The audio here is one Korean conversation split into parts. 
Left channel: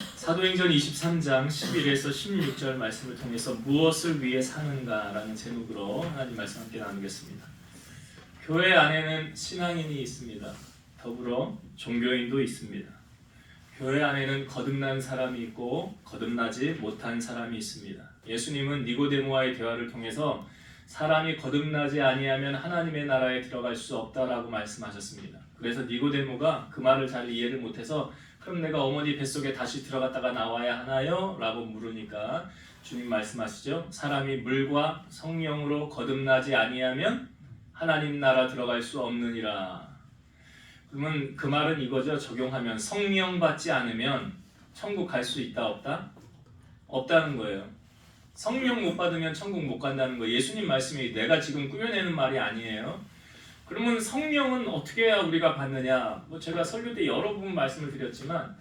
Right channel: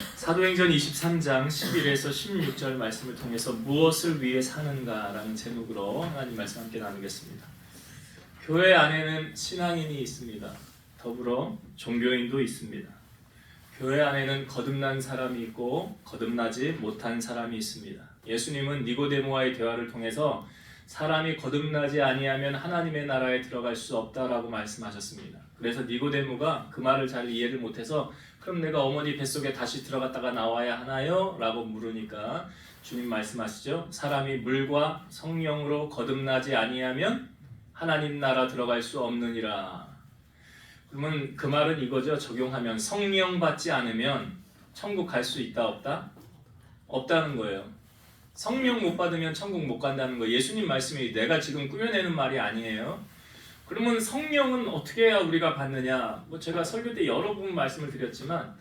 사도행전 23장 11에서 16절 말씀을 통해서 무엇을 위해 사는가라는 제목으로 하나님 말씀 함께 나누겠습니다. 교회 안에는 신앙인이 있습니다. 더불어 종교인도 있습니다. 교회 안에는 거듭난 사람이 있고 거듭나지 못한 사람이 있습니다. 예수님은 니고데모와의 대화를 통해서 사람이 거듭나지 아니하면 하나님의 나라에 들어갈 수 없다라고 말씀하셨습니다. 그래서 니고데모가 그 말을 잘 이해를 못해서 그럼 내가 어머니 뱃속에 다시 들어갔다가 나와야 하나요? 라고 물으니까 주님 말씀하시죠. 사람이 물과 성령으로 거듭나지 아니하면 하나님 나라 들어갈 수 없느니라. 그러면 그 말은 이거죠. 적용하면 성령 받지 않으면 천국 갈 수 있다 없다? 없다는 거예요. 성령 못 받으면 천국 못 간다는 거예요. 예수님 말씀이 내가 지금 꾸며내는 말이 아니에요. 그러면 성령은 어떻게 해야 우리가 받느냐? 제가 설교 때 여러 번 말씀을 드렸지만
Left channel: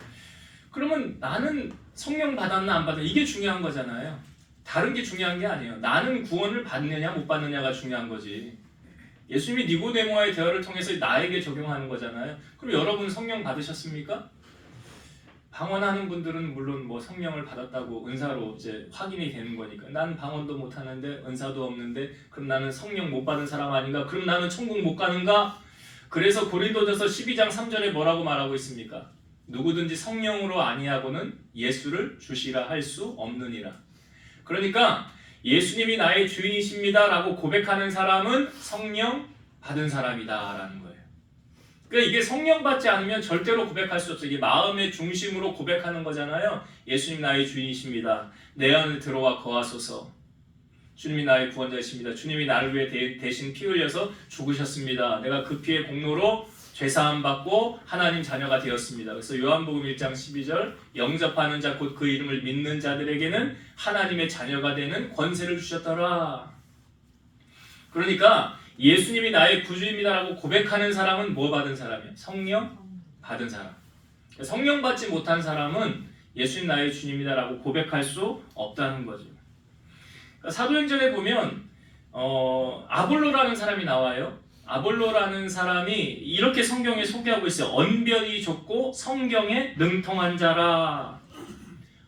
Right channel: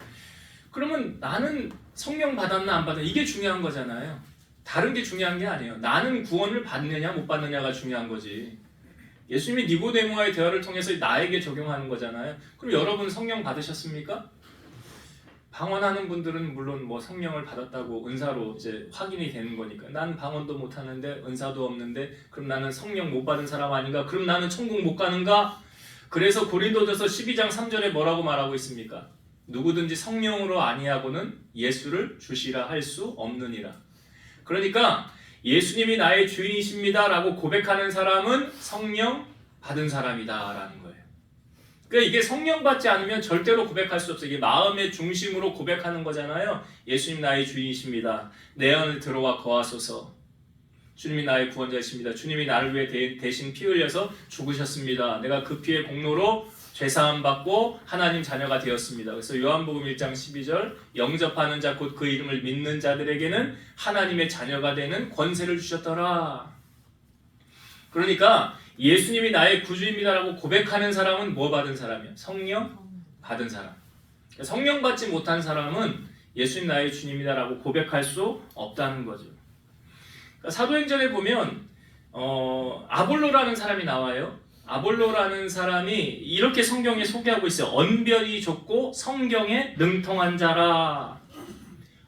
그러면 나는 성령 받았나 안 받았나 이게 중요한 거잖아요. 다른 게 중요한 게 아니에요. 나는 구원을 받느냐 못 받느냐가 중요한 거지. 예수님이 니고데모와의 대화를 통해서 나에게 적용하는 거잖아요. 그럼 여러분 성령 받으셨습니까? 방언하는 분들은 물론 성령을 받았다고 은사로 이제 확인이 되는 거니까 난 방언도 못 하는데 은사도 없는데 그럼 나는 성령 못 받은 사람 아닌가? 그럼 나는 천국 못 가는가? 그래서 고린도전서 12장 3절에 뭐라고 말하고 있습니까? 누구든지 성령으로 아니하고는 예수를 주시라 할 수 없느니라. 그러니까 예수님이 나의 주인이십니다 라고 고백하는 사람은 성령 받은 사람이다 라는 거예요. 그러니까 이게 성령 받지 않으면 절대로 고백할 수 없어요. 이게 마음의 중심으로 고백하는 거잖아요. 예수님 나의 주인이십니다. 내 안에 들어와 거하소서. 주님이 나의 구원자이십니다. 주님이 나를 위해 대신 피 흘려서 죽으셨습니다. 내가 그 피의 공로로 죄사함 받고 하나님 자녀가 되었습니다. 그래서 요한복음 1장 12절 영접하는 자 곧 그 이름을 믿는 자들에게는 하나님의 자녀가 되는 권세를 주셨더라. 그러니까 예수님이 나의 구주입니다라고 고백하는 사람은 뭐 받은 사람이에요? 성령 받은 사람. 성령 받지 못한 사람은 예수님 나의 주님이다라고 고백할 수 없다는 거죠. 그러니까 사도행전에 보면 아볼로라는 사람이 나와요. 아볼로라는 사람이 이렇게 성경에 소개하고 있어요. 언변이 좁고 성경에 능통한 자라.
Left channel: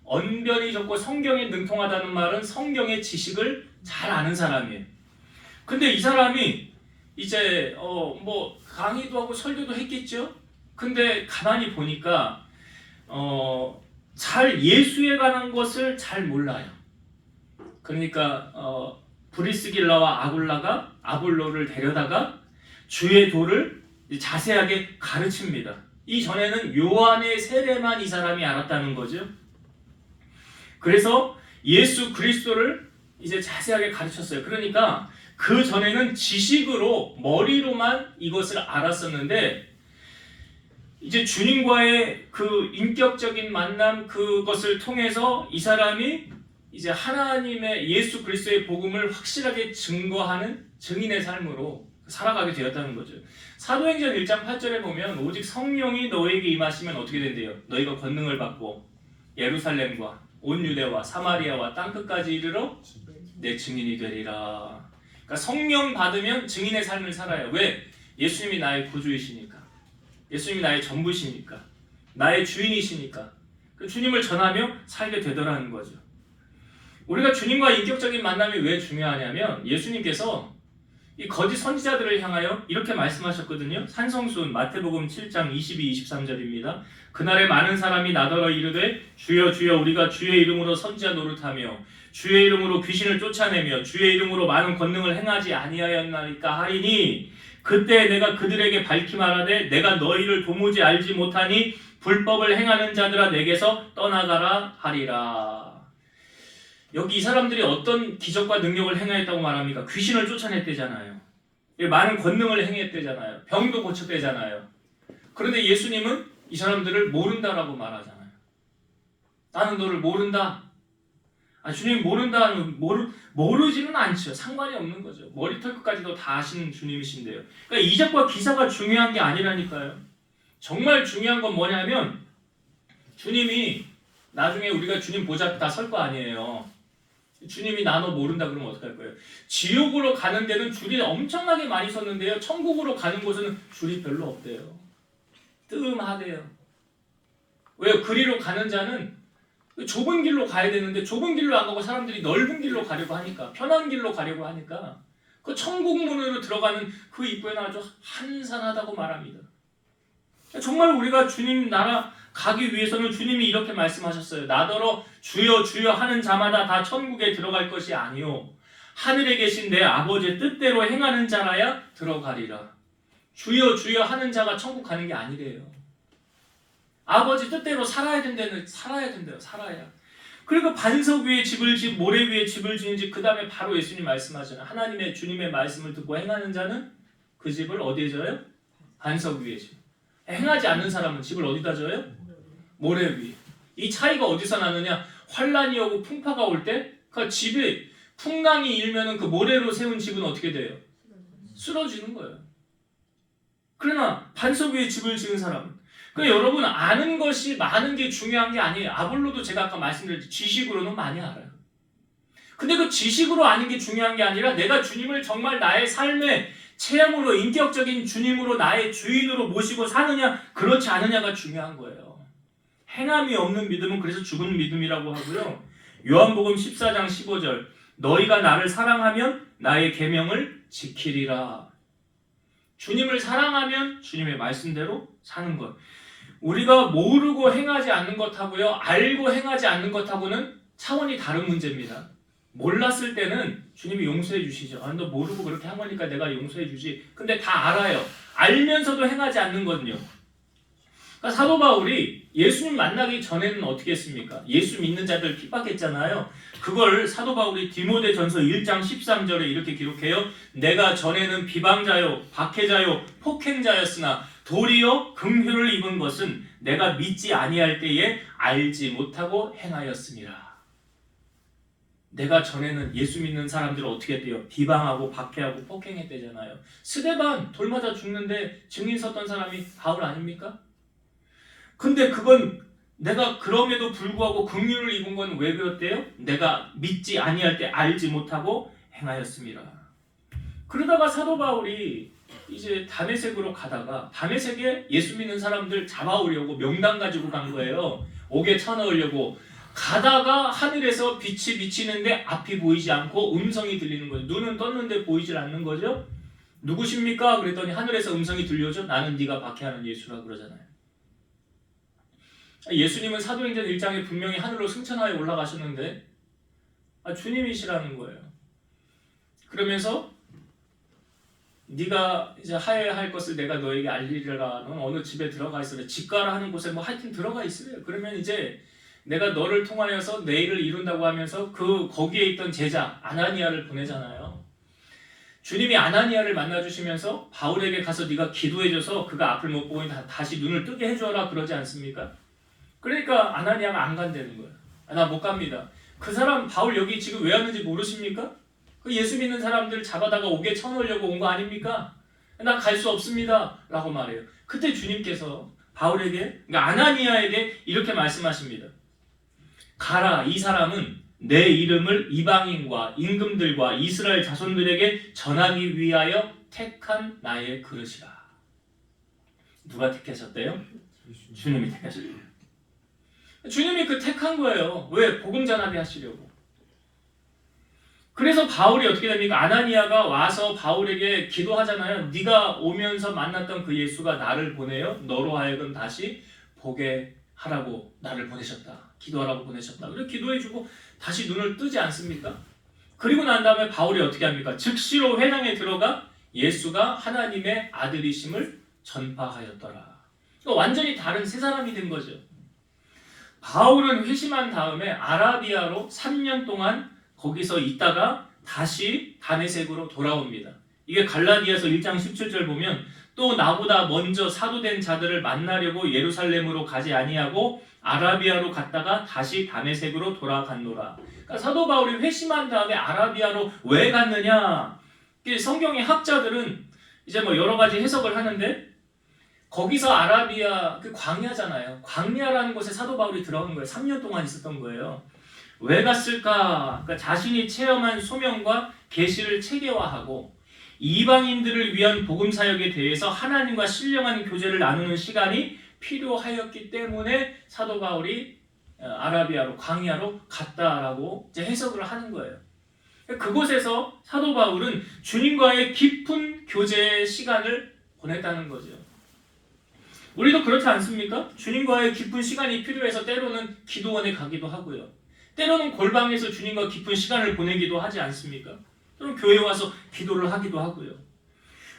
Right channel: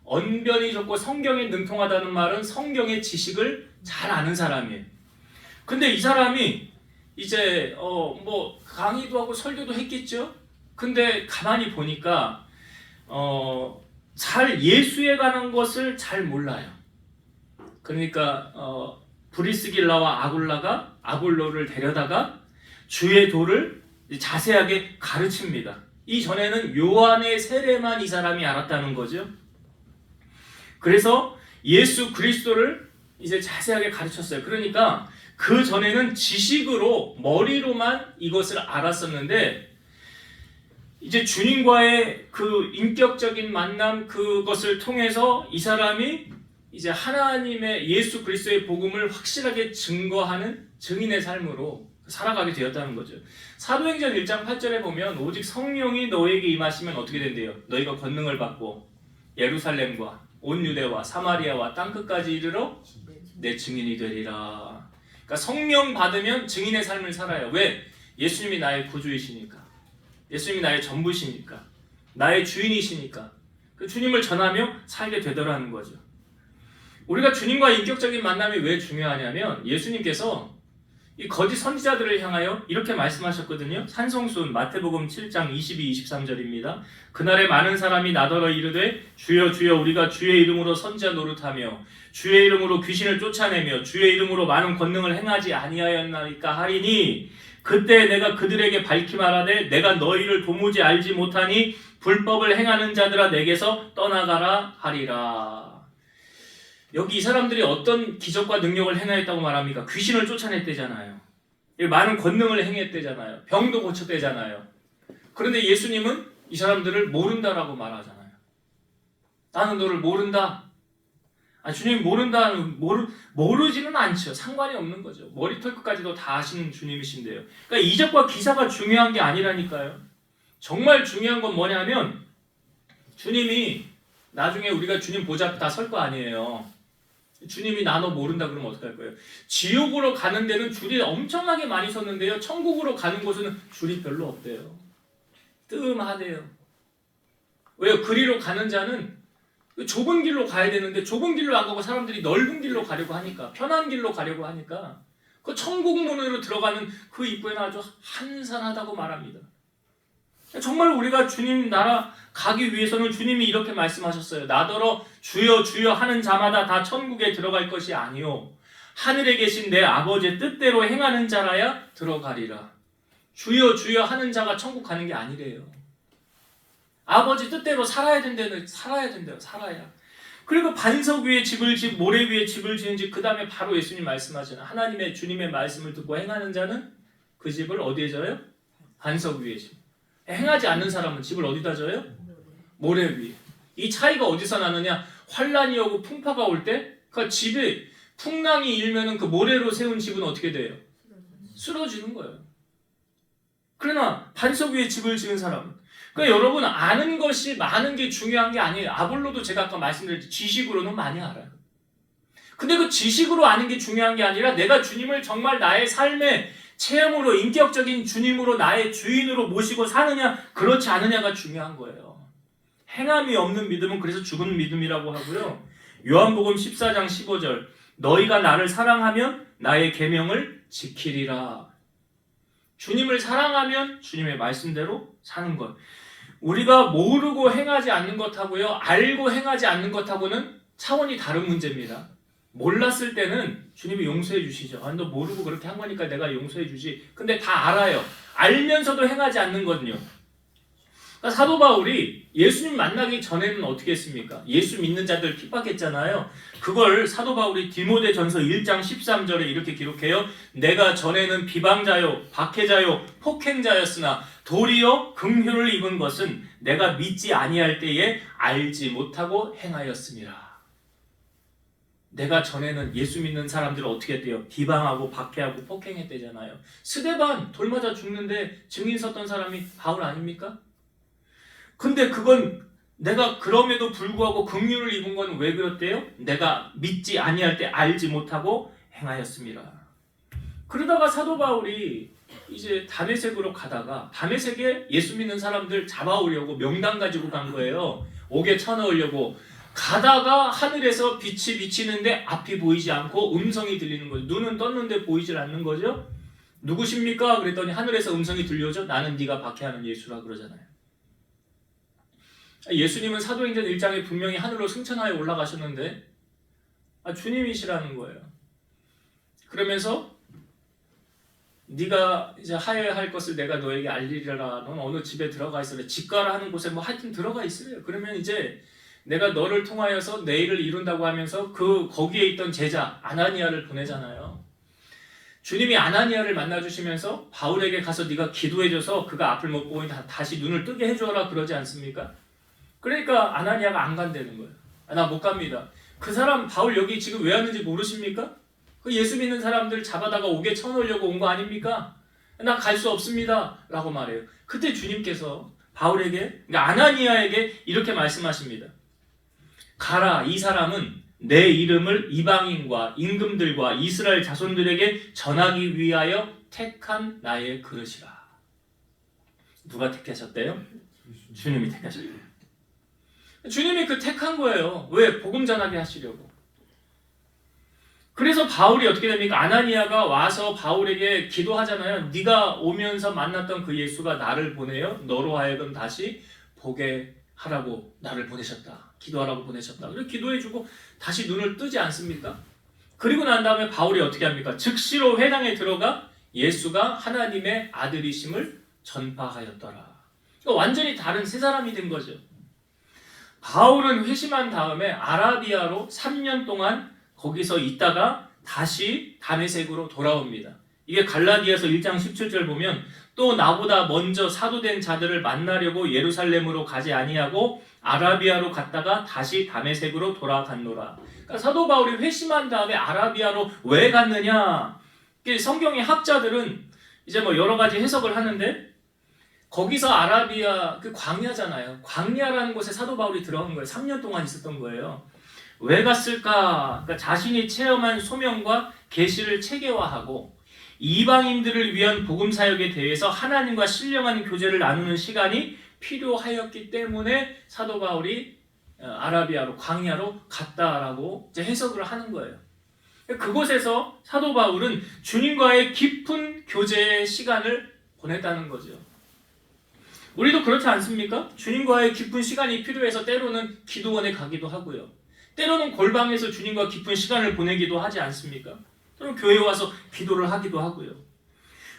언변이 좁고 성경에 능통하다는 말은 성경의 지식을 잘 아는 사람이에요. 근데 이 사람이 이제 강의도 하고 설교도 했겠죠. 근데 가만히 보니까 잘 예수에 관한 것을 잘 몰라요. 그러니까 브리스길라와 아굴라가 아볼로를 데려다가 주의 도를 자세하게 가르칩니다. 이전에는 요한의 세례만 이 사람이 알았다는 거죠. 그래서 예수 그리스도를 이제 자세하게 가르쳤어요. 그러니까 그 전에는 지식으로 머리로만 이것을 알았었는데 이제 주님과의 그 인격적인 만남 그것을 통해서 이 사람이 이제 하나님의 예수 그리스도의 복음을 확실하게 증거하는 증인의 삶으로 살아가게 되었다는 거죠. 사도행전 1장 8절에 보면 오직 성령이 너에게 임하시면 어떻게 된대요? 너희가 권능을 받고 예루살렘과 온 유대와 사마리아와 땅끝까지 이르러 내 증인이 되리라. 그러니까 성령 받으면 증인의 삶을 살아요. 왜? 예수님이 나의 구주이시니까. 예수님이 나의 전부시니까. 나의 주인이시니까. 그 주님을 전하며 살게 되더라는 거죠. 우리가 주님과 인격적인 만남이 왜 중요하냐면 예수님께서 이 거짓 선지자들을 향하여 이렇게 말씀하셨거든요. 산성순 마태복음 7장 22, 23절입니다. 그날에 많은 사람이 나더러 이르되 주여 주여 우리가 주의 이름으로 선지자 노릇하며 주의 이름으로 귀신을 쫓아내며 주의 이름으로 많은 권능을 행하지 아니하였나이까 하리니 그때 내가 그들에게 밝히 말하되 내가 너희를 도무지 알지 못하니 불법을 행하는 자들아 내게서 떠나가라 하리라. 여기 이 사람들이 어떤 기적과 능력을 행하였다고 말합니까? 귀신을 쫓아냈대잖아요. 많은 권능을 행했대잖아요. 병도 고쳤대잖아요. 그런데 예수님은 이 사람들을 모른다라고 말하잖아요. 나는 너를 모른다. 주님이 모르지는 않죠. 상관이 없는 거죠. 머리털 끝까지도 다 아시는 주님이신데요. 그러니까 이적과 기사가 중요한 게 아니라니까요. 정말 중요한 건 뭐냐면 주님이 나중에 우리가 주님 보좌 앞에 다 설 거 아니에요. 주님이 나 너 모른다 그러면 어떡할 거예요? 지옥으로 가는 데는 줄이 엄청나게 많이 섰는데요. 천국으로 가는 곳은 줄이 별로 없대요. 뜸하대요. 왜요? 그리로 가는 자는 좁은 길로 가야 되는데 좁은 길로 안 가고 사람들이 넓은 길로 가려고 하니까, 편한 길로 가려고 하니까 그 천국 문으로 들어가는 그 입구에는 아주 한산하다고 말합니다. 정말 우리가 주님 나라 가기 위해서는 주님이 이렇게 말씀하셨어요. 나더러 주여 주여 하는 자마다 다 천국에 들어갈 것이 아니요 하늘에 계신 내 아버지의 뜻대로 행하는 자라야 들어가리라. 주여 주여 하는 자가 천국 가는 게 아니래요. 아버지 뜻대로 살아야 된다는, 살아야 된대요. 살아야. 그리고 반석 위에 집을 짓, 모래 위에 집을 지은 집, 그 다음에 바로 예수님 말씀하잖아요. 하나님의 주님의 말씀을 듣고 행하는 자는 그 집을 어디에 져요? 반석 위에 집. 행하지 않는 사람은 집을 어디다 져요? 모래 위에. 이 차이가 어디서 나느냐? 환란이 오고 풍파가 올 때 그 집이 풍랑이 일면은 그 모래로 세운 집은 어떻게 돼요? 쓰러지는 거예요. 그러나 반석 위에 집을 지은 사람은, 그러니까 여러분, 아는 것이 많은 게 중요한 게 아니에요. 아볼로도 제가 아까 말씀드렸듯이 지식으로는 많이 알아요. 근데 그 지식으로 아는 게 중요한 게 아니라 내가 주님을 정말 나의 삶의 체험으로, 인격적인 주님으로 나의 주인으로 모시고 사느냐 그렇지 않느냐가 중요한 거예요. 행함이 없는 믿음은 그래서 죽은 믿음이라고 하고요. 요한복음 14장 15절 너희가 나를 사랑하면 나의 계명을 지키리라. 주님을 사랑하면 주님의 말씀대로 사는 것. 우리가 모르고 행하지 않는 것하고요, 알고 행하지 않는 것하고는 차원이 다른 문제입니다. 몰랐을 때는 주님이 용서해 주시죠. 너 모르고 그렇게 한 거니까 내가 용서해 주지. 근데 다 알아요. 알면서도 행하지 않는 거든요. 그러니까 사도 바울이 예수님 만나기 전에는 어떻게 했습니까? 예수 믿는 자들 핍박했잖아요. 그걸 사도 바울이 디모데전서 1장 13절에 이렇게 기록해요. 내가 전에는 비방자요, 박해자요, 폭행자였으나 도리어 긍휼을 입은 것은 내가 믿지 아니할 때에 알지 못하고 행하였음이라. 내가 전에는 예수 믿는 사람들을 어떻게 했대요? 비방하고 박해하고 폭행했대잖아요. 스데반 돌 맞아 죽는데 증인 섰던 사람이 바울 아닙니까? 근데 그건 내가 그럼에도 불구하고 긍휼을 입은 건 왜 그랬대요? 내가 믿지 아니할 때 알지 못하고 행하였음이라. 그러다가 사도 바울이 이제 다메섹으로 가다가 다메섹에 예수 믿는 사람들 잡아오려고 명단 가지고 간 거예요. 옥에 쳐넣으려고. 가다가 하늘에서 빛이 비치는데 앞이 보이지 않고 음성이 들리는 거죠. 눈은 떴는데 보이질 않는 거죠. 누구십니까? 그랬더니 하늘에서 음성이 들려오죠. 나는 네가 박해하는 예수라 그러잖아요. 예수님은 사도행전 1장에 분명히 하늘로 승천하여 올라가셨는데 주님이시라는 거예요. 그러면서 네가 이제 하여야 할 것을 내가 너에게 알리리라. 넌 어느 집에 들어가 있으래. 집가라 하는 곳에 뭐 하여튼 들어가 있으래요. 그러면 이제 내가 너를 통하여서 내 일을 이룬다고 하면서 거기에 있던 제자 아나니아를 보내잖아요. 주님이 아나니아를 만나주시면서 바울에게 가서 네가 기도해줘서 그가 앞을 못 보고 다시 눈을 뜨게 해줘라 그러지 않습니까? 그러니까 아나니아가 안 간다는 거예요. 나 못 갑니다. 그 사람 바울 여기 지금 왜 왔는지 모르십니까? 그 예수 믿는 사람들 잡아다가 옥에 쳐넣으려고 온 거 아닙니까? 나 갈 수 없습니다 라고 말해요. 그때 주님께서 바울에게, 그러니까 아나니아에게 이렇게 말씀하십니다. 가라, 이 사람은 내 이름을 이방인과 임금들과 이스라엘 자손들에게 전하기 위하여 택한 나의 그릇이라. 누가 택하셨대요? 주님이 택하셨대요. 주님이 그 택한 거예요. 왜? 복음 전하게 하시려고. 그래서 바울이 어떻게 됩니까? 아나니아가 와서 바울에게 기도하잖아요. 네가 오면서 만났던 그 예수가 나를 보내요. 너로 하여금 다시 보게 하라고 나를 보내셨다. 기도하라고 보내셨다. 그래서 기도해주고 다시 눈을 뜨지 않습니까? 그리고 난 다음에 바울이 어떻게 합니까? 즉시로 회당에 들어가 예수가 하나님의 아들이심을 전파하였더라. 그러니까 완전히 다른 새 사람이 된 거죠. 바울은 회심한 다음에 아라비아로 3년 동안 거기서 있다가 다시 다메섹으로 돌아옵니다. 이게 갈라디아서 1장 17절 보면 또 나보다 먼저 사도된 자들을 만나려고 예루살렘으로 가지 아니하고 아라비아로 갔다가 다시 다메섹으로 돌아갔노라. 그러니까 사도 바울이 회심한 다음에 아라비아로 왜 갔느냐? 성경의 학자들은 이제 뭐 여러 가지 해석을 하는데 거기서 아라비아 그 광야잖아요. 광야라는 곳에 사도 바울이 들어간 거예요. 3년 동안 있었던 거예요. 왜 갔을까? 그러니까 자신이 체험한 소명과 계시를 체계화하고 이방인들을 위한 복음 사역에 대해서 하나님과 신령한 교제를 나누는 시간이 필요하였기 때문에 사도 바울이 아라비아로 광야로 갔다라고 이제 해석을 하는 거예요. 그곳에서 사도 바울은 주님과의 깊은 교제의 시간을 보냈다는 거죠. 우리도 그렇지 않습니까? 주님과의 깊은 시간이 필요해서 때로는 기도원에 가기도 하고요. 때로는 골방에서 주님과 깊은 시간을 보내기도 하지 않습니까? 또는 교회에 와서 기도를 하기도 하고요.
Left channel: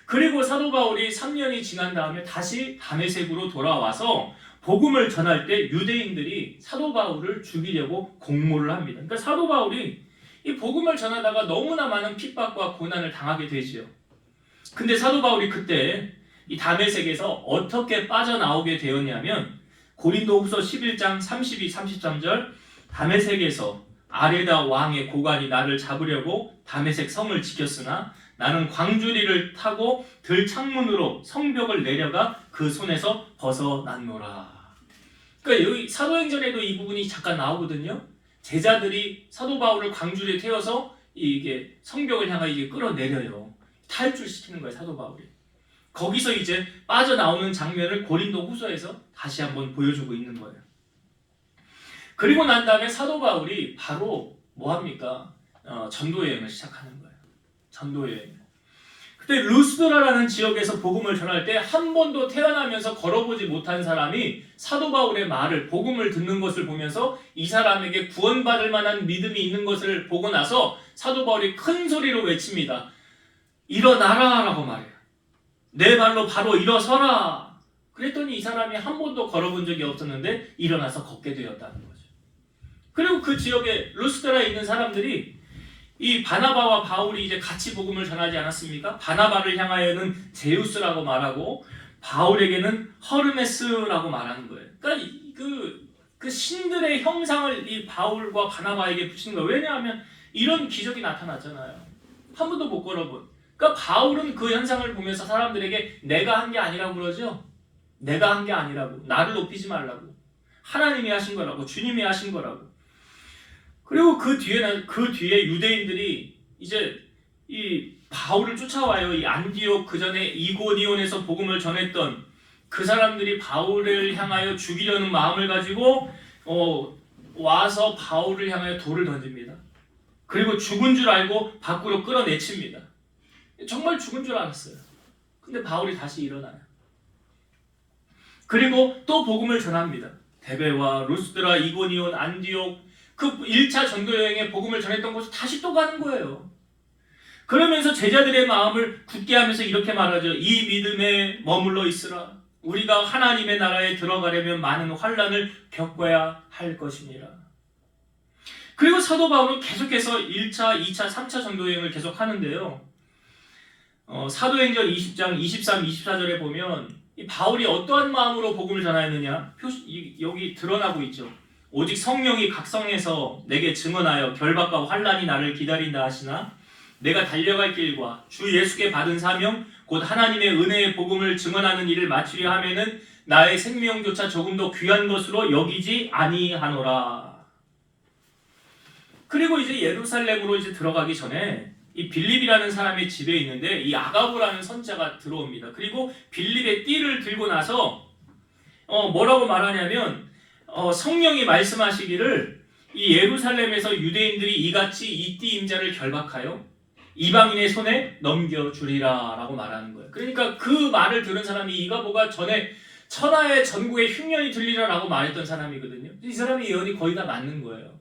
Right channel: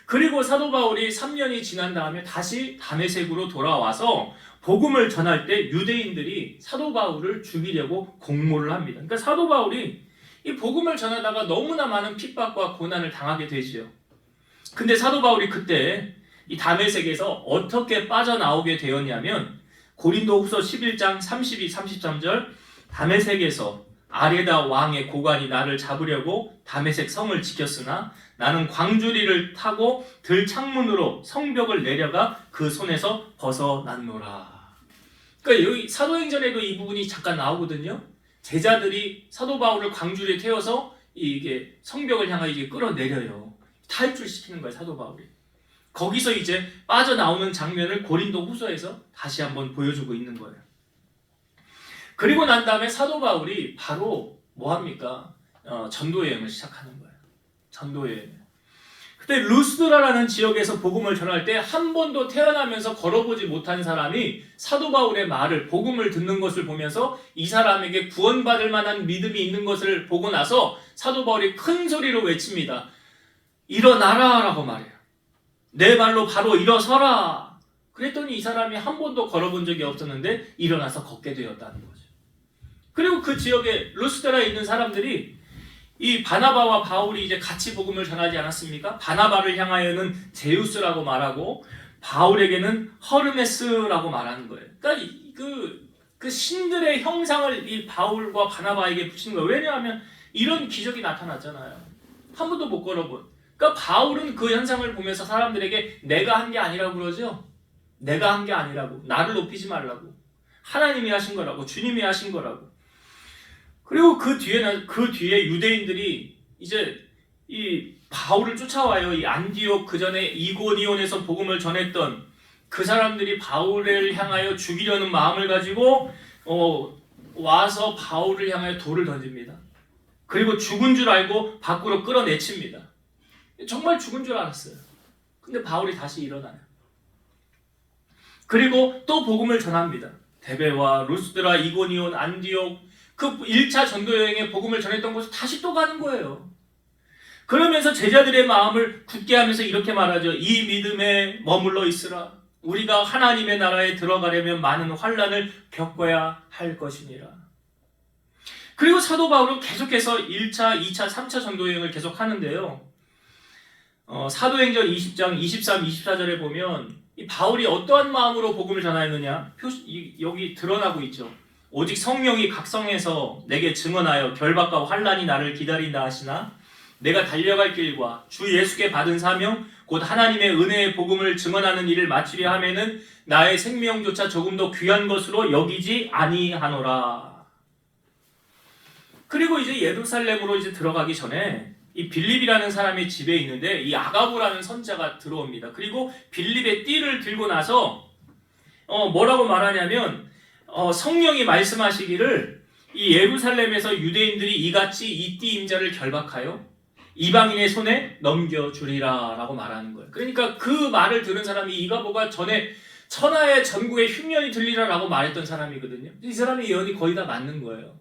그리고 사도 바울이 3년이 지난 다음에 다시 다메섹으로 돌아와서 복음을 전할 때 유대인들이 사도 바울을 죽이려고 공모를 합니다. 그러니까 사도 바울이 이 복음을 전하다가 너무나 많은 핍박과 고난을 당하게 되지요. 근데 사도 바울이 그때 이 다메섹에서 어떻게 빠져나오게 되었냐면 고린도후서 11장 32, 33절 다메섹에서 아레다 왕의 고관이 나를 잡으려고 다메섹 성을 지켰으나 나는 광주리를 타고 들창문으로 성벽을 내려가 그 손에서 벗어났노라. 그러니까 여기 사도행전에도 이 부분이 잠깐 나오거든요. 제자들이 사도 바울을 광주리에 태워서 이게 성벽을 향하여 이게 끌어내려요. 탈출시키는 거예요, 사도 바울이. 거기서 이제 빠져나오는 장면을 고린도 후서에서 다시 한번 보여주고 있는 거예요. 그리고 난 다음에 사도 바울이 바로 뭐합니까? 전도여행을 시작하는 거예요. 전도여행. 그때 루스드라라는 지역에서 복음을 전할 때 한 번도 태어나면서 걸어보지 못한 사람이 사도 바울의 말을, 복음을 듣는 것을 보면서 이 사람에게 구원받을 만한 믿음이 있는 것을 보고 나서 사도 바울이 큰 소리로 외칩니다. 일어나라 라고 말해요. 내 발로 바로 일어서라. 그랬더니 이 사람이 한 번도 걸어본 적이 없었는데 일어나서 걷게 되었다는 거죠. 그리고 그 지역에 루스드라에 있는 사람들이 이 바나바와 바울이 이제 같이 복음을 전하지 않았습니까? 바나바를 향하여는 제우스라고 말하고 바울에게는 허르메스라고 말하는 거예요. 그러니까 그 신들의 형상을 이 바울과 바나바에게 붙이는 거예요. 왜냐하면 이런 기적이 나타났잖아요. 한 번도 못 걸어본. 그러니까 바울은 그 현상을 보면서 사람들에게 내가 한 게 아니라고 그러죠. 내가 한 게 아니라고. 나를 높이지 말라고. 하나님이 하신 거라고. 주님이 하신 거라고. 그리고 그 뒤에 유대인들이 이제 이 바울을 쫓아와요. 이 안디옥 그 전에 이고니온에서 복음을 전했던 그 사람들이 바울을 향하여 죽이려는 마음을 가지고 와서 바울을 향하여 돌을 던집니다. 그리고 죽은 줄 알고 밖으로 끌어내칩니다. 정말 죽은 줄 알았어요. 근데 바울이 다시 일어나요. 그리고 또 복음을 전합니다. 데베와 루스드라, 이고니온, 안디옥 그 1차 전도 여행에 복음을 전했던 곳을 다시 또 가는 거예요. 그러면서 제자들의 마음을 굳게 하면서 이렇게 말하죠. 이 믿음에 머물러 있으라. 우리가 하나님의 나라에 들어가려면 많은 환난을 겪어야 할 것이니라. 그리고 사도 바울은 계속해서 1차, 2차, 3차 전도 여행을 계속 하는데요. 사도행전 20장 23, 24절에 보면 이 바울이 어떠한 마음으로 복음을 전하였느냐 여기 드러나고 있죠. 오직 성령이 각성해서 내게 증언하여 결박과 환난이 나를 기다린다 하시나 내가 달려갈 길과 주 예수께 받은 사명 곧 하나님의 은혜의 복음을 증언하는 일을 마치려 하면은 나의 생명조차 조금 더 귀한 것으로 여기지 아니하노라. 그리고 이제 예루살렘으로 이제 들어가기 전에 이 빌립이라는 사람의 집에 있는데 이 아가보라는 선자가 들어옵니다. 그리고 빌립의 띠를 들고 나서 뭐라고 말하냐면 성령이 말씀하시기를 이 예루살렘에서 유대인들이 이같이 이 띠 임자를 결박하여 이방인의 손에 넘겨주리라 라고 말하는 거예요. 그러니까 그 말을 들은 사람이 이가보가 전에 천하의 전국에 흉년이 들리라 라고 말했던 사람이거든요. 이 사람의 예언이 거의 다 맞는 거예요.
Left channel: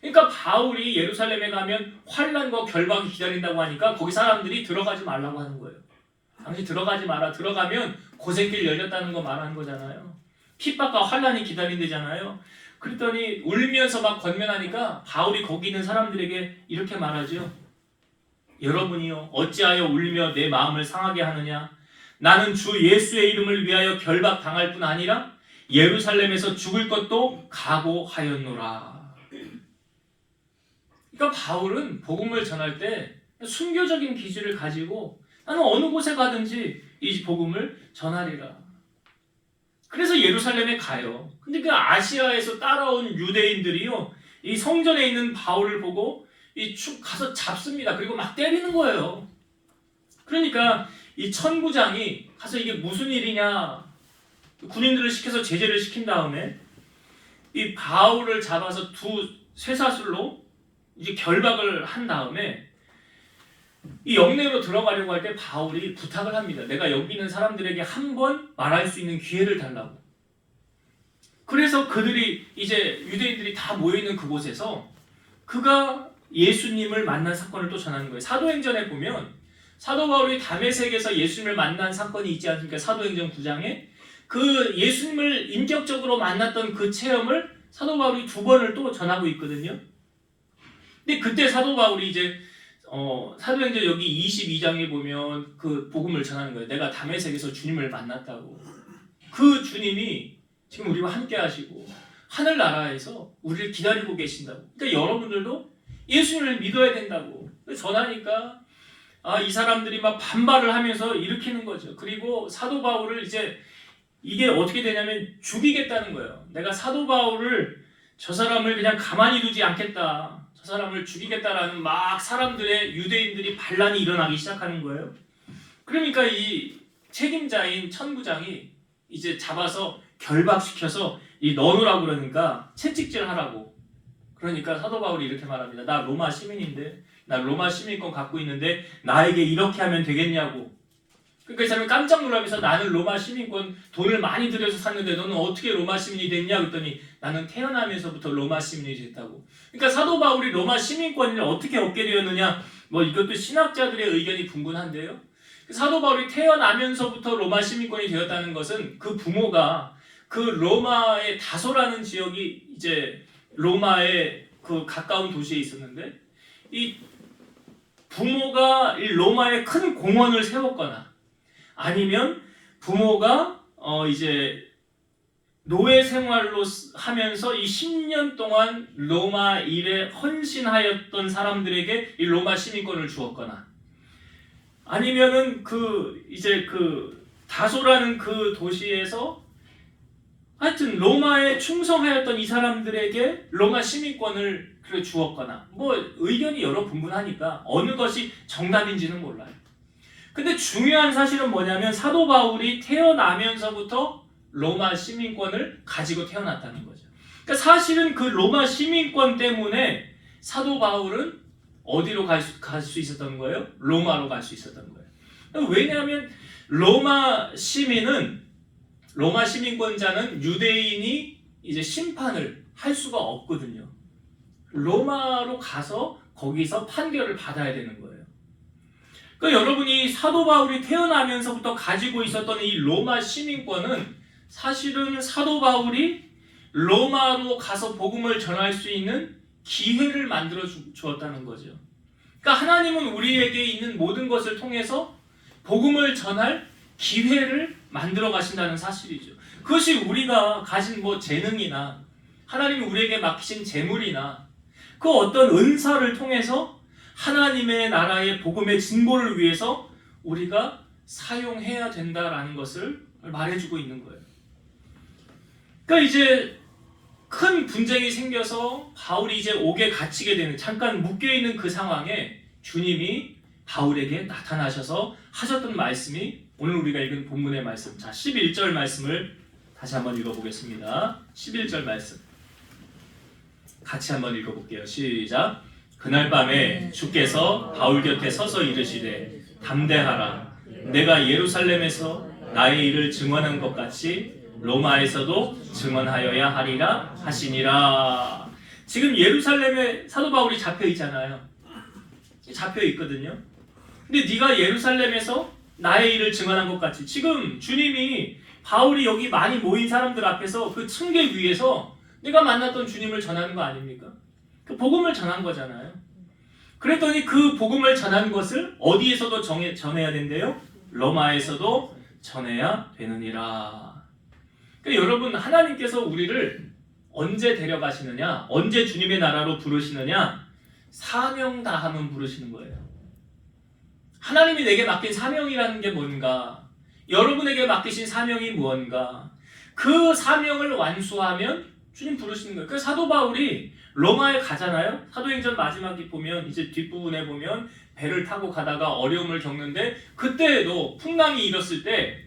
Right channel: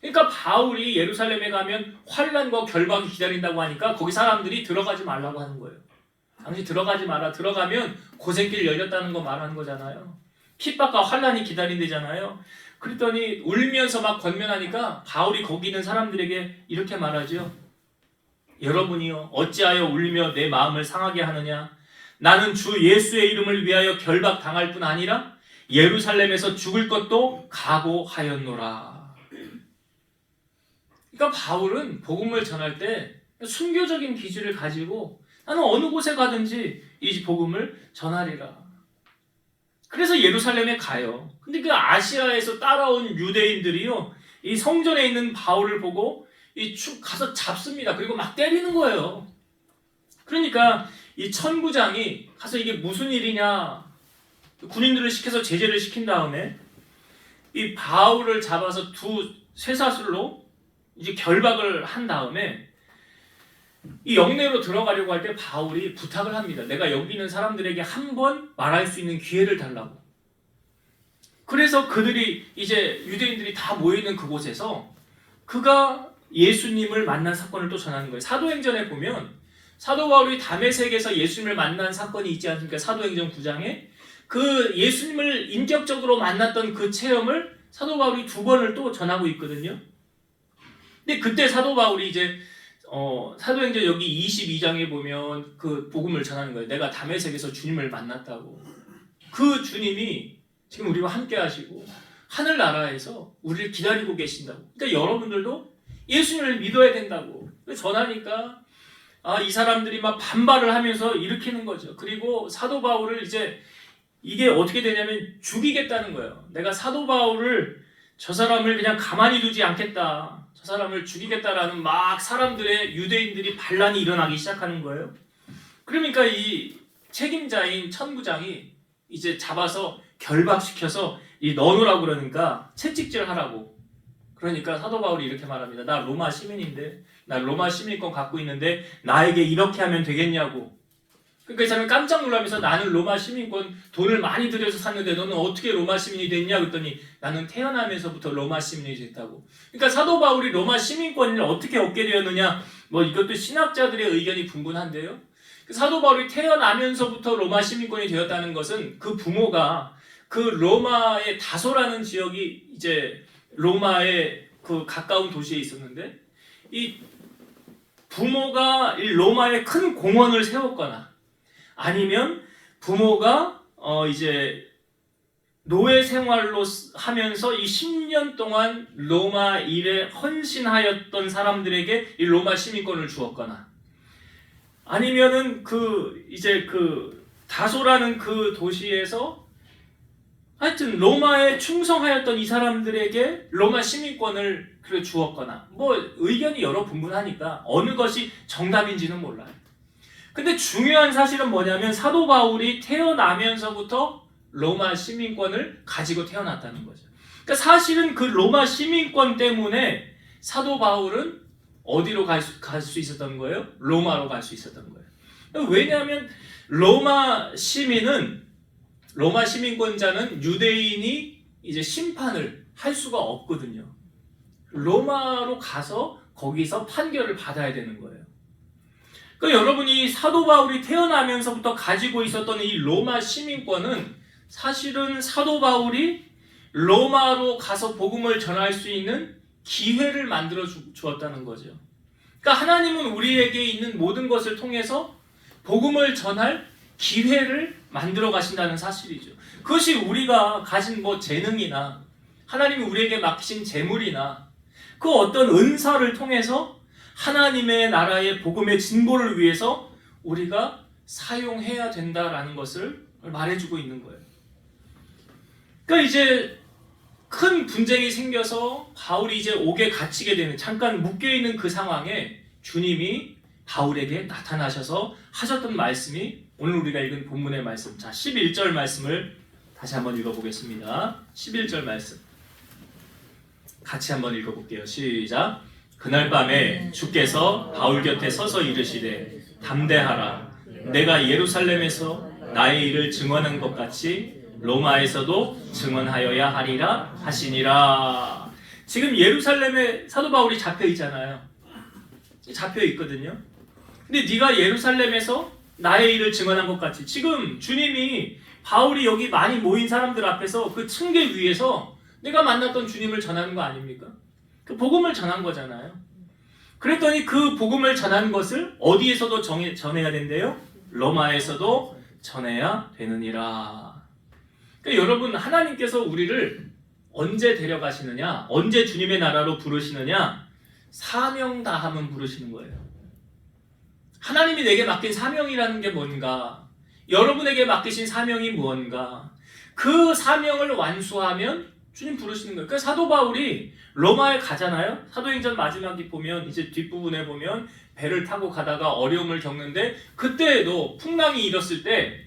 그러니까 바울이 예루살렘에 가면 환난과 결박이 기다린다고 하니까 거기 사람들이 들어가지 말라고 하는 거예요. 당신 들어가지 마라. 들어가면 고생길 열렸다는 거 말하는 거잖아요. 핍박과 환난이 기다린대잖아요. 그랬더니 울면서 막 권면하니까 바울이 거기 있는 사람들에게 이렇게 말하죠. 여러분이요 어찌하여 울며 내 마음을 상하게 하느냐. 나는 주 예수의 이름을 위하여 결박당할 뿐 아니라 예루살렘에서 죽을 것도 각오하였노라. 그러니까 바울은 복음을 전할 때 순교적인 기질을 가지고 나는 어느 곳에 가든지 이 복음을 전하리라. 그래서 예루살렘에 가요. 근데 그 아시아에서 따라온 유대인들이요, 이 성전에 있는 바울을 보고 가서 잡습니다. 그리고 막 때리는 거예요. 그러니까 이 천부장이 가서 이게 무슨 일이냐, 군인들을 시켜서 제재를 시킨 다음에 이 바울을 잡아서 두 쇠사슬로 이제 결박을 한 다음에 이 영내로 들어가려고 할 때 바울이 부탁을 합니다. 내가 여기 있는 사람들에게 한 번 말할 수 있는 기회를 달라고. 그래서 그들이 이제 유대인들이 다 모여있는 그곳에서 그가 예수님을 만난 사건을 또 전하는 거예요. 사도행전에 보면 사도 바울이 다메섹에서 예수님을 만난 사건이 있지 않습니까? 사도행전 9장에 그 예수님을 인격적으로 만났던 그 체험을 사도 바울이 2번을 또 전하고 있거든요. 근데 그때 사도 바울이 이제 사도행전 여기 22장에 보면 그 복음을 전하는 거예요. 내가 다메섹에서 주님을 만났다고. 그 주님이 지금 우리와 함께 하시고 하늘나라에서 우리를 기다리고 계신다고. 그러니까 여러분들도 예수님을 믿어야 된다고 전하니까 이 사람들이 막 반발을 하면서 일으키는 거죠. 그리고 사도 바울을 이제 이게 어떻게 되냐면 죽이겠다는 거예요. 내가 사도 바울을 저 사람을 그냥 가만히 두지 않겠다. 저 사람을 죽이겠다라는 막 사람들의 유대인들이 반란이 일어나기 시작하는 거예요. 그러니까 이 책임자인 천부장이 이제 잡아서 결박시켜서 넣어놓으라고 그러니까 채찍질하라고. 그러니까 사도 바울이 이렇게 말합니다. 나 로마 시민인데, 나 로마 시민권 갖고 있는데 나에게 이렇게 하면 되겠냐고. 그러니까 이 사람이 깜짝 놀라면서 나는 로마 시민권 돈을 많이 들여서 샀는데 너는 어떻게 로마 시민이 됐냐 그랬더니 나는 태어나면서부터 로마 시민이 됐다고. 그러니까 사도 바울이 로마 시민권을 어떻게 얻게 되었느냐, 뭐 이것도 신학자들의 의견이 분분한데요. 사도 바울이 태어나면서부터 로마 시민권이 되었다는 것은 그 부모가 그 로마의 다소라는 지역이 이제 로마의 그 가까운 도시에 있었는데 이 부모가 이 로마에 큰 공원을 세웠거나 아니면 부모가 이제 노예 생활로 하면서 이 10년 동안 로마 일에 헌신하였던 사람들에게 이 로마 시민권을 주었거나 아니면은 이제 다소라는 그 도시에서 하여튼 로마에 충성하였던 이 사람들에게 로마 시민권을 주었거나 뭐 의견이 여러 분분하니까 어느 것이 정답인지는 몰라요. 근데 중요한 사실은 뭐냐면 사도 바울이 태어나면서부터 로마 시민권을 가지고 태어났다는 거죠. 그러니까 사실은 그 로마 시민권 때문에 사도 바울은 어디로 갈 수 있었던 거예요? 로마로 갈 수 있었던 거예요. 왜냐하면 로마 시민권자는 유대인이 이제 심판을 할 수가 없거든요. 로마로 가서 거기서 판결을 받아야 되는 거예요. 그러니까 여러분이 사도 바울이 태어나면서부터 가지고 있었던 이 로마 시민권은 사실은 사도 바울이 로마로 가서 복음을 전할 수 있는 기회를 만들어 주었다는 거죠. 그러니까 하나님은 우리에게 있는 모든 것을 통해서 복음을 전할 기회를 만들어 가신다는 사실이죠. 그것이 우리가 가진 뭐 재능이나 하나님이 우리에게 맡기신 재물이나 그 어떤 은사를 통해서 하나님의 나라의 복음의 진보를 위해서 우리가 사용해야 된다라는 것을 말해주고 있는 거예요. 그러니까 이제 큰 분쟁이 생겨서 바울이 이제 옥에 갇히게 되는, 잠깐 묶여있는 그 상황에 주님이 바울에게 나타나셔서 하셨던 말씀이 오늘 우리가 읽은 본문의 말씀. 자, 11절 말씀을 다시 한번 읽어보겠습니다. 11절 말씀 같이 한번 읽어볼게요. 시작. 그날 밤에 주께서 바울 곁에 서서 이르시되 담대하라. 내가 예루살렘에서 나의 일을 증언한 것 같이 로마에서도 증언하여야 하리라 하시니라. 지금 예루살렘에 사도 바울이 잡혀 있잖아요. 잡혀 있거든요. 근데 네가 예루살렘에서 나의 일을 증언한 것 같이, 지금 주님이 바울이 여기 많이 모인 사람들 앞에서 그 층계 위에서 내가 만났던 주님을 전하는 거 아닙니까? 그 복음을 전한 거잖아요. 그랬더니 그 복음을 전한 것을 어디에서도 전해야 된대요? 로마에서도 전해야 되느니라. 그러니까 여러분, 하나님께서 우리를 언제 데려가시느냐, 언제 주님의 나라로 부르시느냐, 사명 다하면 부르시는 거예요. 하나님이 내게 맡긴 사명이라는 게 뭔가, 여러분에게 맡기신 사명이 무언가, 그 사명을 완수하면 주님 부르시는 거예요. 그러니까 사도 바울이 로마에 가잖아요. 사도행전 마지막에 보면, 이제 뒷부분에 보면 배를 타고 가다가 어려움을 겪는데, 그때에도 풍랑이 일었을 때,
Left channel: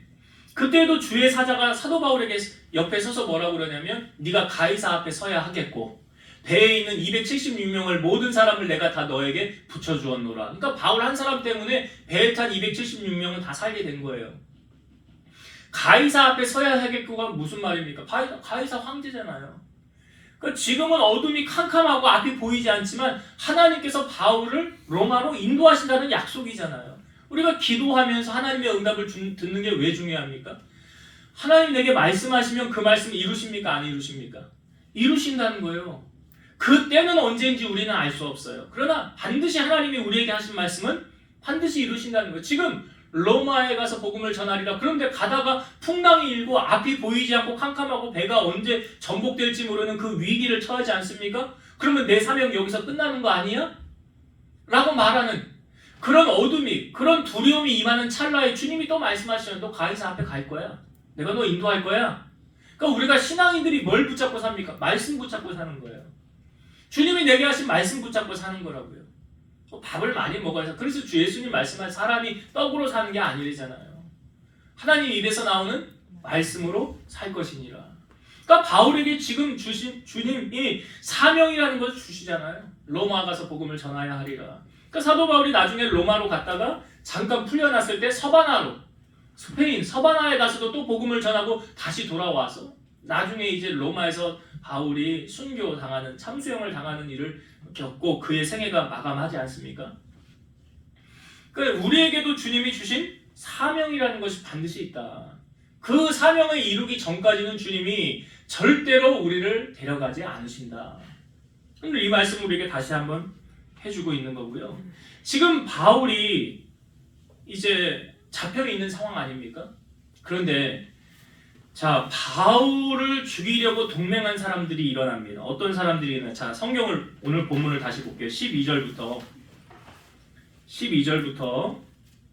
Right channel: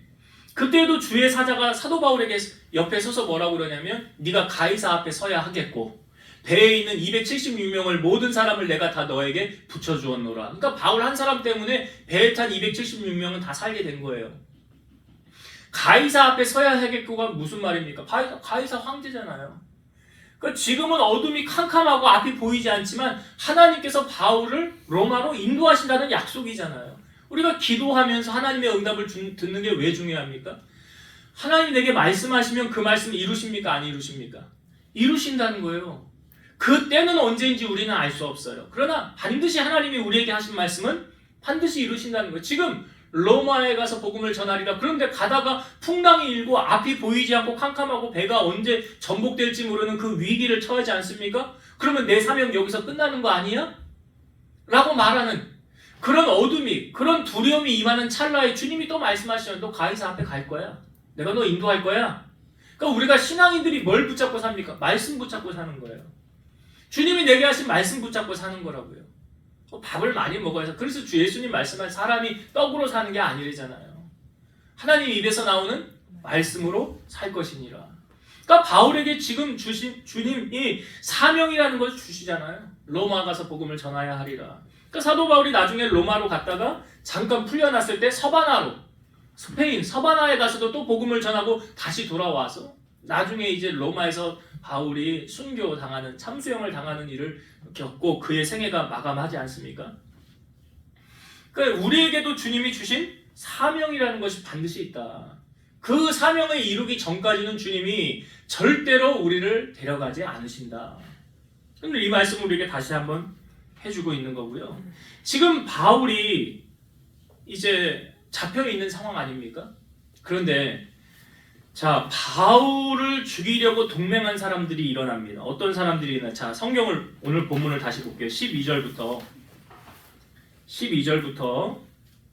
그때에도 주의 사자가 사도 바울에게 옆에 서서 뭐라고 그러냐면 네가 가이사 앞에 서야 하겠고 배에 있는 276명을 모든 사람을 내가 다 너에게 붙여주었노라. 그러니까 바울 한 사람 때문에 배에 탄 276명은 다 살게 된 거예요. 가이사 앞에 서야 하겠고가 무슨 말입니까? 가이사 황제잖아요. 그러니까 지금은 어둠이 캄캄하고 앞이 보이지 않지만 하나님께서 바울을 로마로 인도하신다는 약속이잖아요. 우리가 기도하면서 하나님의 응답을 듣는 게 왜 중요합니까? 하나님 내게 말씀하시면 그 말씀을 이루십니까? 안 이루십니까? 이루신다는 거예요. 그 때는 언제인지 우리는 알 수 없어요. 그러나 반드시 하나님이 우리에게 하신 말씀은 반드시 이루신다는 거예요. 지금 로마에 가서 복음을 전하리라. 그런데 가다가 풍랑이 일고 앞이 보이지 않고 캄캄하고 배가 언제 전복될지 모르는 그 위기를 처하지 않습니까? 그러면 내 사명 여기서 끝나는 거 아니야? 라고 말하는 그런 어둠이, 그런 두려움이 임하는 찰나에 주님이 또 말씀하시면 너 가이사 앞에 갈 거야. 내가 너 인도할 거야. 그러니까 우리가 신앙인들이 뭘 붙잡고 삽니까? 말씀 붙잡고 사는 거예요. 주님이 내게 하신 말씀 붙잡고 사는 거라고요. 밥을 많이 먹어야 해서 그래서 주 예수님 말씀한 사람이 떡으로 사는 게 아니래잖아요. 하나님 입에서 나오는 말씀으로 살 것이니라. 그러니까 바울에게 지금 주신 주님이 사명이라는 것을 주시잖아요. 로마 가서 복음을 전하야 하리라. 그러니까 사도 바울이 나중에 로마로 갔다가 잠깐 풀려났을 때 서바나로 스페인 서바나에 가서도 또 복음을 전하고 다시 돌아와서 나중에 이제 로마에서 바울이 순교 당하는 참수형을 당하는 일을 겪고 그의 생애가 마감하지 않습니까? 그러니까 우리에게도 주님이 주신 사명이라는 것이 반드시 있다. 그 사명을 이루기 전까지는 주님이 절대로 우리를 데려가지 않으신다. 오늘 이 말씀을 우리에게 다시 한번 해주고 있는 거고요. 지금 바울이 이제 잡혀 있는 상황 아닙니까? 그런데 자, 바울을 죽이려고 동맹한 사람들이 일어납니다. 어떤 사람들이 일어나? 자, 성경을 오늘 본문을 다시 볼게요. 12절부터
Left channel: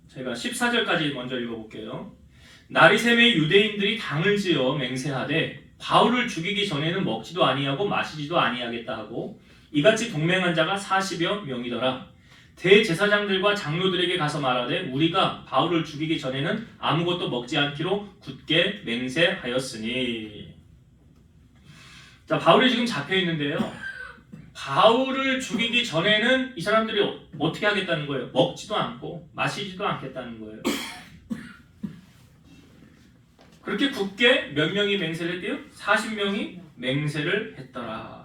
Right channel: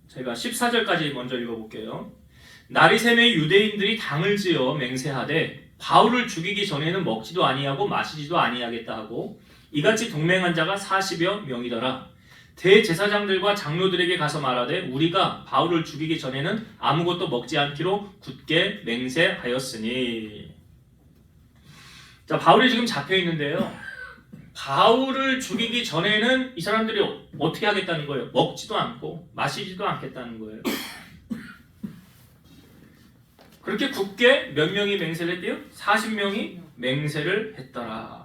제가 14절까지 먼저 읽어볼게요. 나리샘의 유대인들이 당을 지어 맹세하되 바울을 죽이기 전에는 먹지도 아니하고 마시지도 아니하겠다 하고 이같이 동맹한 자가 40여 명이더라. 대제사장들과 장로들에게 가서 말하되 우리가 바울을 죽이기 전에는 아무것도 먹지 않기로 굳게 맹세하였으니. 자, 바울이 지금 잡혀 있는데요. 바울을 죽이기 전에는 이 사람들이 어떻게 하겠다는 거예요? 먹지도 않고 마시지도 않겠다는 거예요. 그렇게 굳게 몇 명이 맹세를 했대요? 40명이 맹세를 했더라.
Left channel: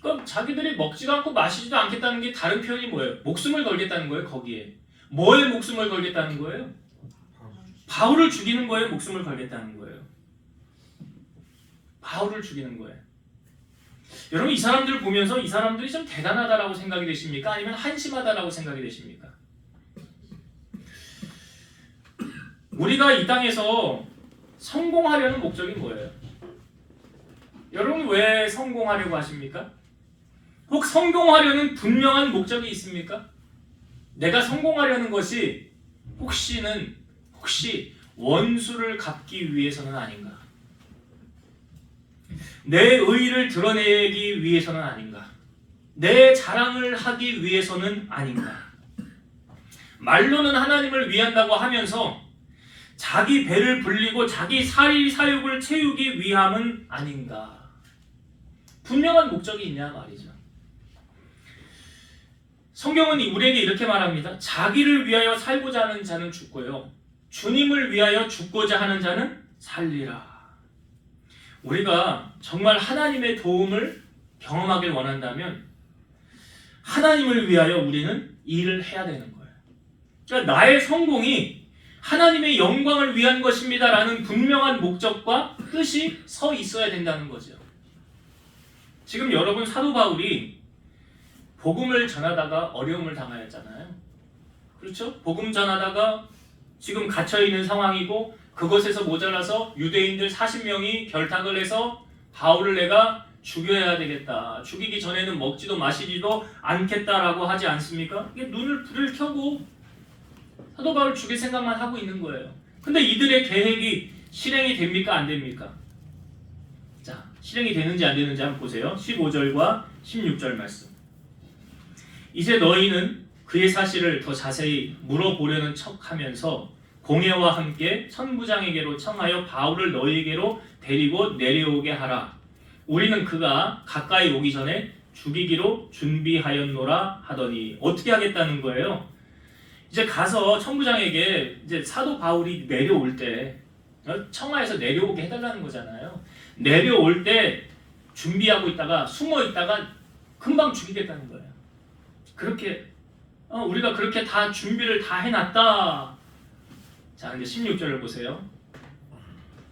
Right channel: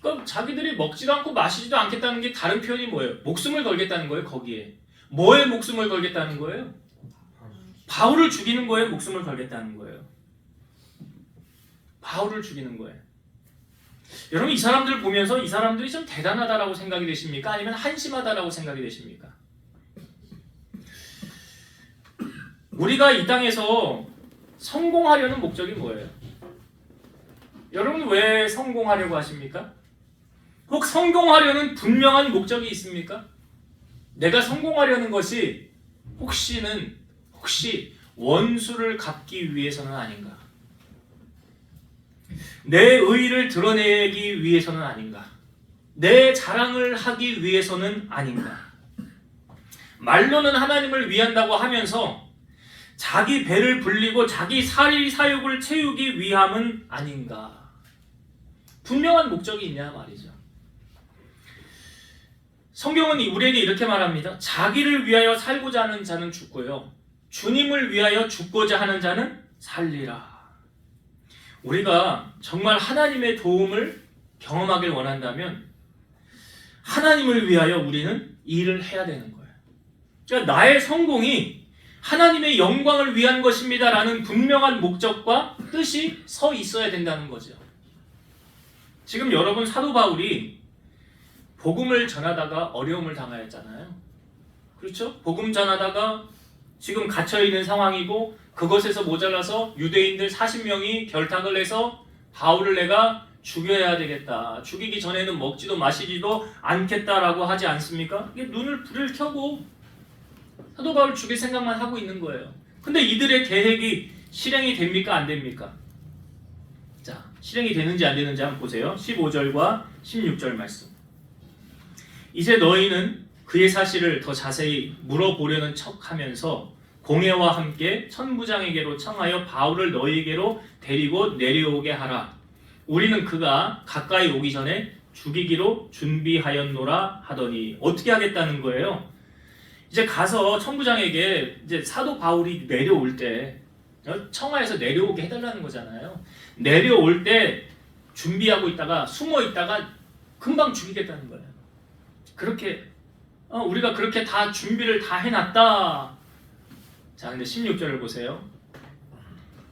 그럼 자기들이 먹지도 않고 마시지도 않겠다는 게 다른 표현이 뭐예요? 목숨을 걸겠다는 거예요, 거기에. 뭐에 목숨을 걸겠다는 거예요? 바울을 죽이는 거에 목숨을 걸겠다는 거예요. 바울을 죽이는 거예요. 여러분 이 사람들을 보면서 이 사람들이 좀 대단하다라고 생각이 되십니까? 아니면 한심하다라고 생각이 되십니까? 우리가 이 땅에서 성공하려는 목적이 뭐예요? 여러분 왜 성공하려고 하십니까? 혹 성공하려는 분명한 목적이 있습니까? 내가 성공하려는 것이 혹시 원수를 갚기 위해서는 아닌가? 내 의의를 드러내기 위해서는 아닌가? 내 자랑을 하기 위해서는 아닌가? 말로는 하나님을 위한다고 하면서 자기 배를 불리고 자기 사욕을 채우기 위함은 아닌가? 분명한 목적이 있냐 말이죠. 성경은 우리에게 이렇게 말합니다. 자기를 위하여 살고자 하는 자는 죽고요. 주님을 위하여 죽고자 하는 자는 살리라. 우리가 정말 하나님의 도움을 경험하길 원한다면 하나님을 위하여 우리는 일을 해야 되는 거예요. 그러니까 나의 성공이 하나님의 영광을 위한 것입니다 라는 분명한 목적과 뜻이 서 있어야 된다는 거죠. 지금 여러분 사도 바울이 복음을 전하다가 어려움을 당하였잖아요. 그렇죠? 복음 전하다가 지금 갇혀있는 상황이고 그것에서 모자라서 유대인들 40명이 결탁을 해서 바울을 내가 죽여야 되겠다. 죽이기 전에는 먹지도 마시지도 않겠다라고 하지 않습니까? 이게 불을 켜고 사도 바울 죽일 생각만 하고 있는 거예요. 근데 이들의 계획이 실행이 됩니까? 안 됩니까? 자, 실행이 되는지 안 되는지 한번 보세요. 15절과 16절 말씀. 이제 너희는 그의 사실을 더 자세히 물어보려는 척하면서 공회와 함께 천부장에게로 청하여 바울을 너희에게로 데리고 내려오게 하라. 우리는 그가 가까이 오기 전에 죽이기로 준비하였노라 하더니. 어떻게 하겠다는 거예요? 이제 가서 천부장에게 이제 사도 바울이 내려올 때 청하에서 내려오게 해달라는 거잖아요. 내려올 때 준비하고 있다가 숨어 있다가 금방 죽이겠다는 거예요. 그렇게 우리가 그렇게 다 준비를 다 해놨다. 자, 근데 16절을 보세요.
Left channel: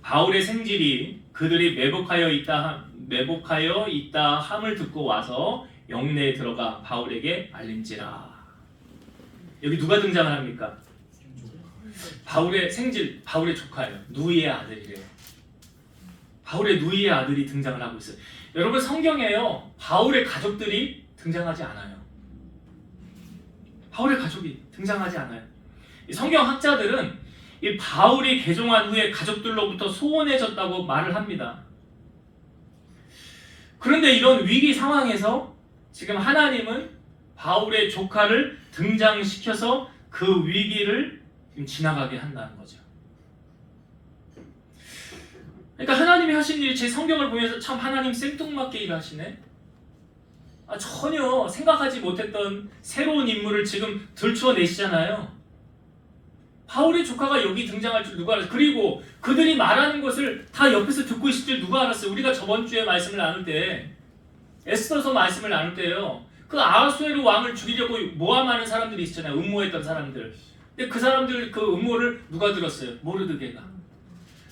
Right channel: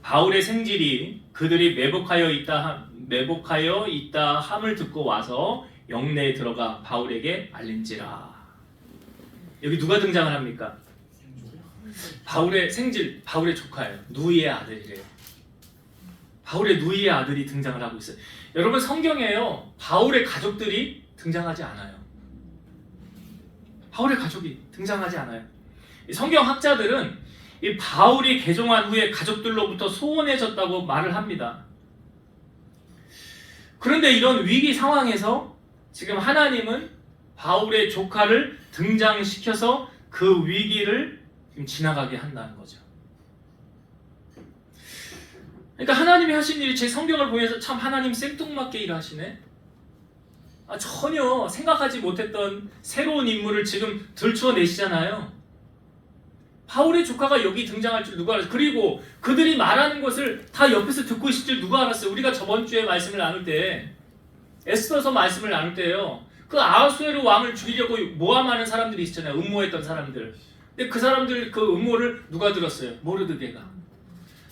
바울의 생질이 그들이 매복하여 있다 함을 듣고 와서 영내에 들어가 바울에게 알린지라. 여기 누가 등장을 합니까? 바울의 생질, 바울의 조카예요. 누이의 아들이래요. 바울의 누이의 아들이 등장을 하고 있어요. 여러분, 성경에요, 바울의 가족들이 등장하지 않아요. 바울의 가족이 등장하지 않아요. 성경 학자들은 이 바울이 개종한 후에 가족들로부터 소원해졌다고 말을 합니다. 그런데 이런 위기 상황에서 지금 하나님은 바울의 조카를 등장시켜서 그 위기를 지나가게 한다는 거죠. 그러니까 하나님이 하신 일이, 제 성경을 보면서 참 하나님 생뚱맞게 일하시네. 전혀 생각하지 못했던 새로운 인물을 지금 들추어내시잖아요. 바울의 조카가 여기 등장할 줄 누가 알았어요? 그리고 그들이 말하는 것을 다 옆에서 듣고 있을 줄 누가 알았어요? 우리가 저번 주에 말씀을 나눌 때, 에스더서 말씀을 나눌 때요, 그 아하수에로 왕을 죽이려고 모함하는 사람들이 있잖아요. 음모했던 사람들. 근데 그 사람들 그 음모를 누가 들었어요? 모르드게가.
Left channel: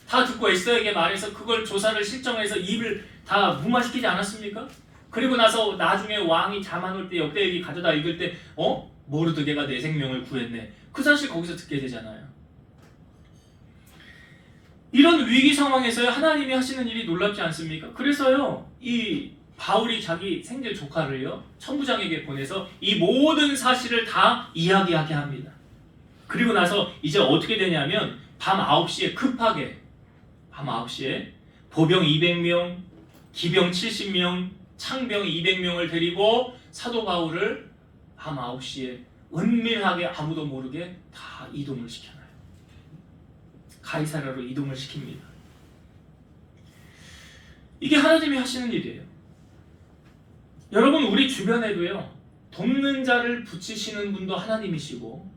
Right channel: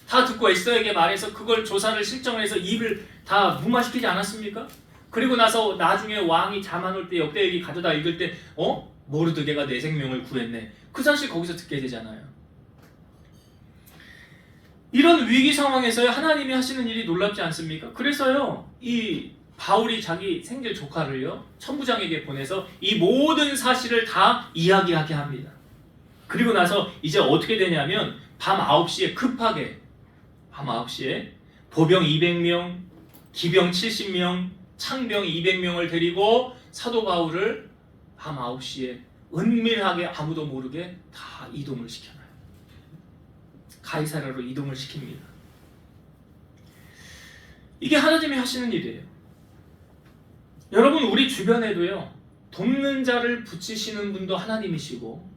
다 듣고 에스더에게 말해서 그걸 조사를 실정해서 입을 다 무마시키지 않았습니까? 그리고 나서 나중에 왕이 자만올 때 역대기를 가져다 읽을 때 모르드게가 내 생명을 구했네. 그 사실 거기서 듣게 되잖아요. 이런 위기 상황에서 하나님이 하시는 일이 놀랍지 않습니까? 그래서요, 이 바울이 자기 생질 조카를요, 천부장에게 보내서 이 모든 사실을 다 이야기하게 합니다. 그리고 나서 이제 어떻게 되냐면 밤 9시에 급하게, 밤 9시에 보병 200명, 기병 70명, 창병 200명을 데리고 사도 바울을 밤 9시에 은밀하게 아무도 모르게 다 이동을 시켜놔요. 가이사랴로 이동을 시킵니다. 이게 하나님이 하시는 일이에요. 여러분, 우리 주변에도요, 돕는 자를 붙이시는 분도 하나님이시고,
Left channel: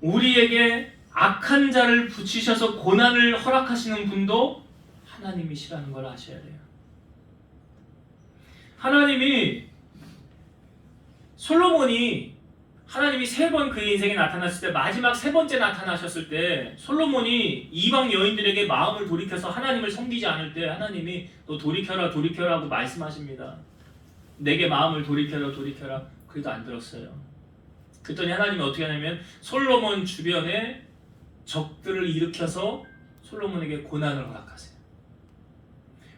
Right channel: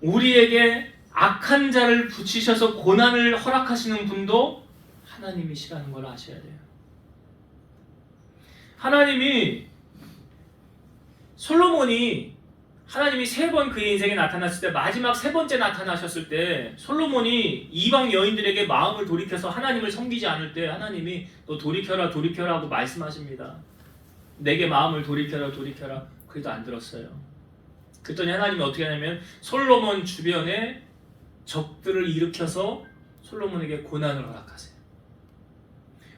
우리에게 악한 자를 붙이셔서 고난을 허락하시는 분도 하나님이시라는 걸 아셔야 돼요. 하나님이, 솔로몬이 하나님이 3번 그의 인생에 나타났을 때, 마지막 3번째 나타나셨을 때 솔로몬이 이방 여인들에게 마음을 돌이켜서 하나님을 섬기지 않을 때 하나님이 너 돌이켜라 돌이켜라 하고 말씀하십니다. 내게 마음을 돌이켜라 돌이켜라. 그래도 안 들었어요. 그랬더니 하나님이 어떻게 하냐면 솔로몬 주변에 적들을 일으켜서 솔로몬에게 고난을 허락하세요.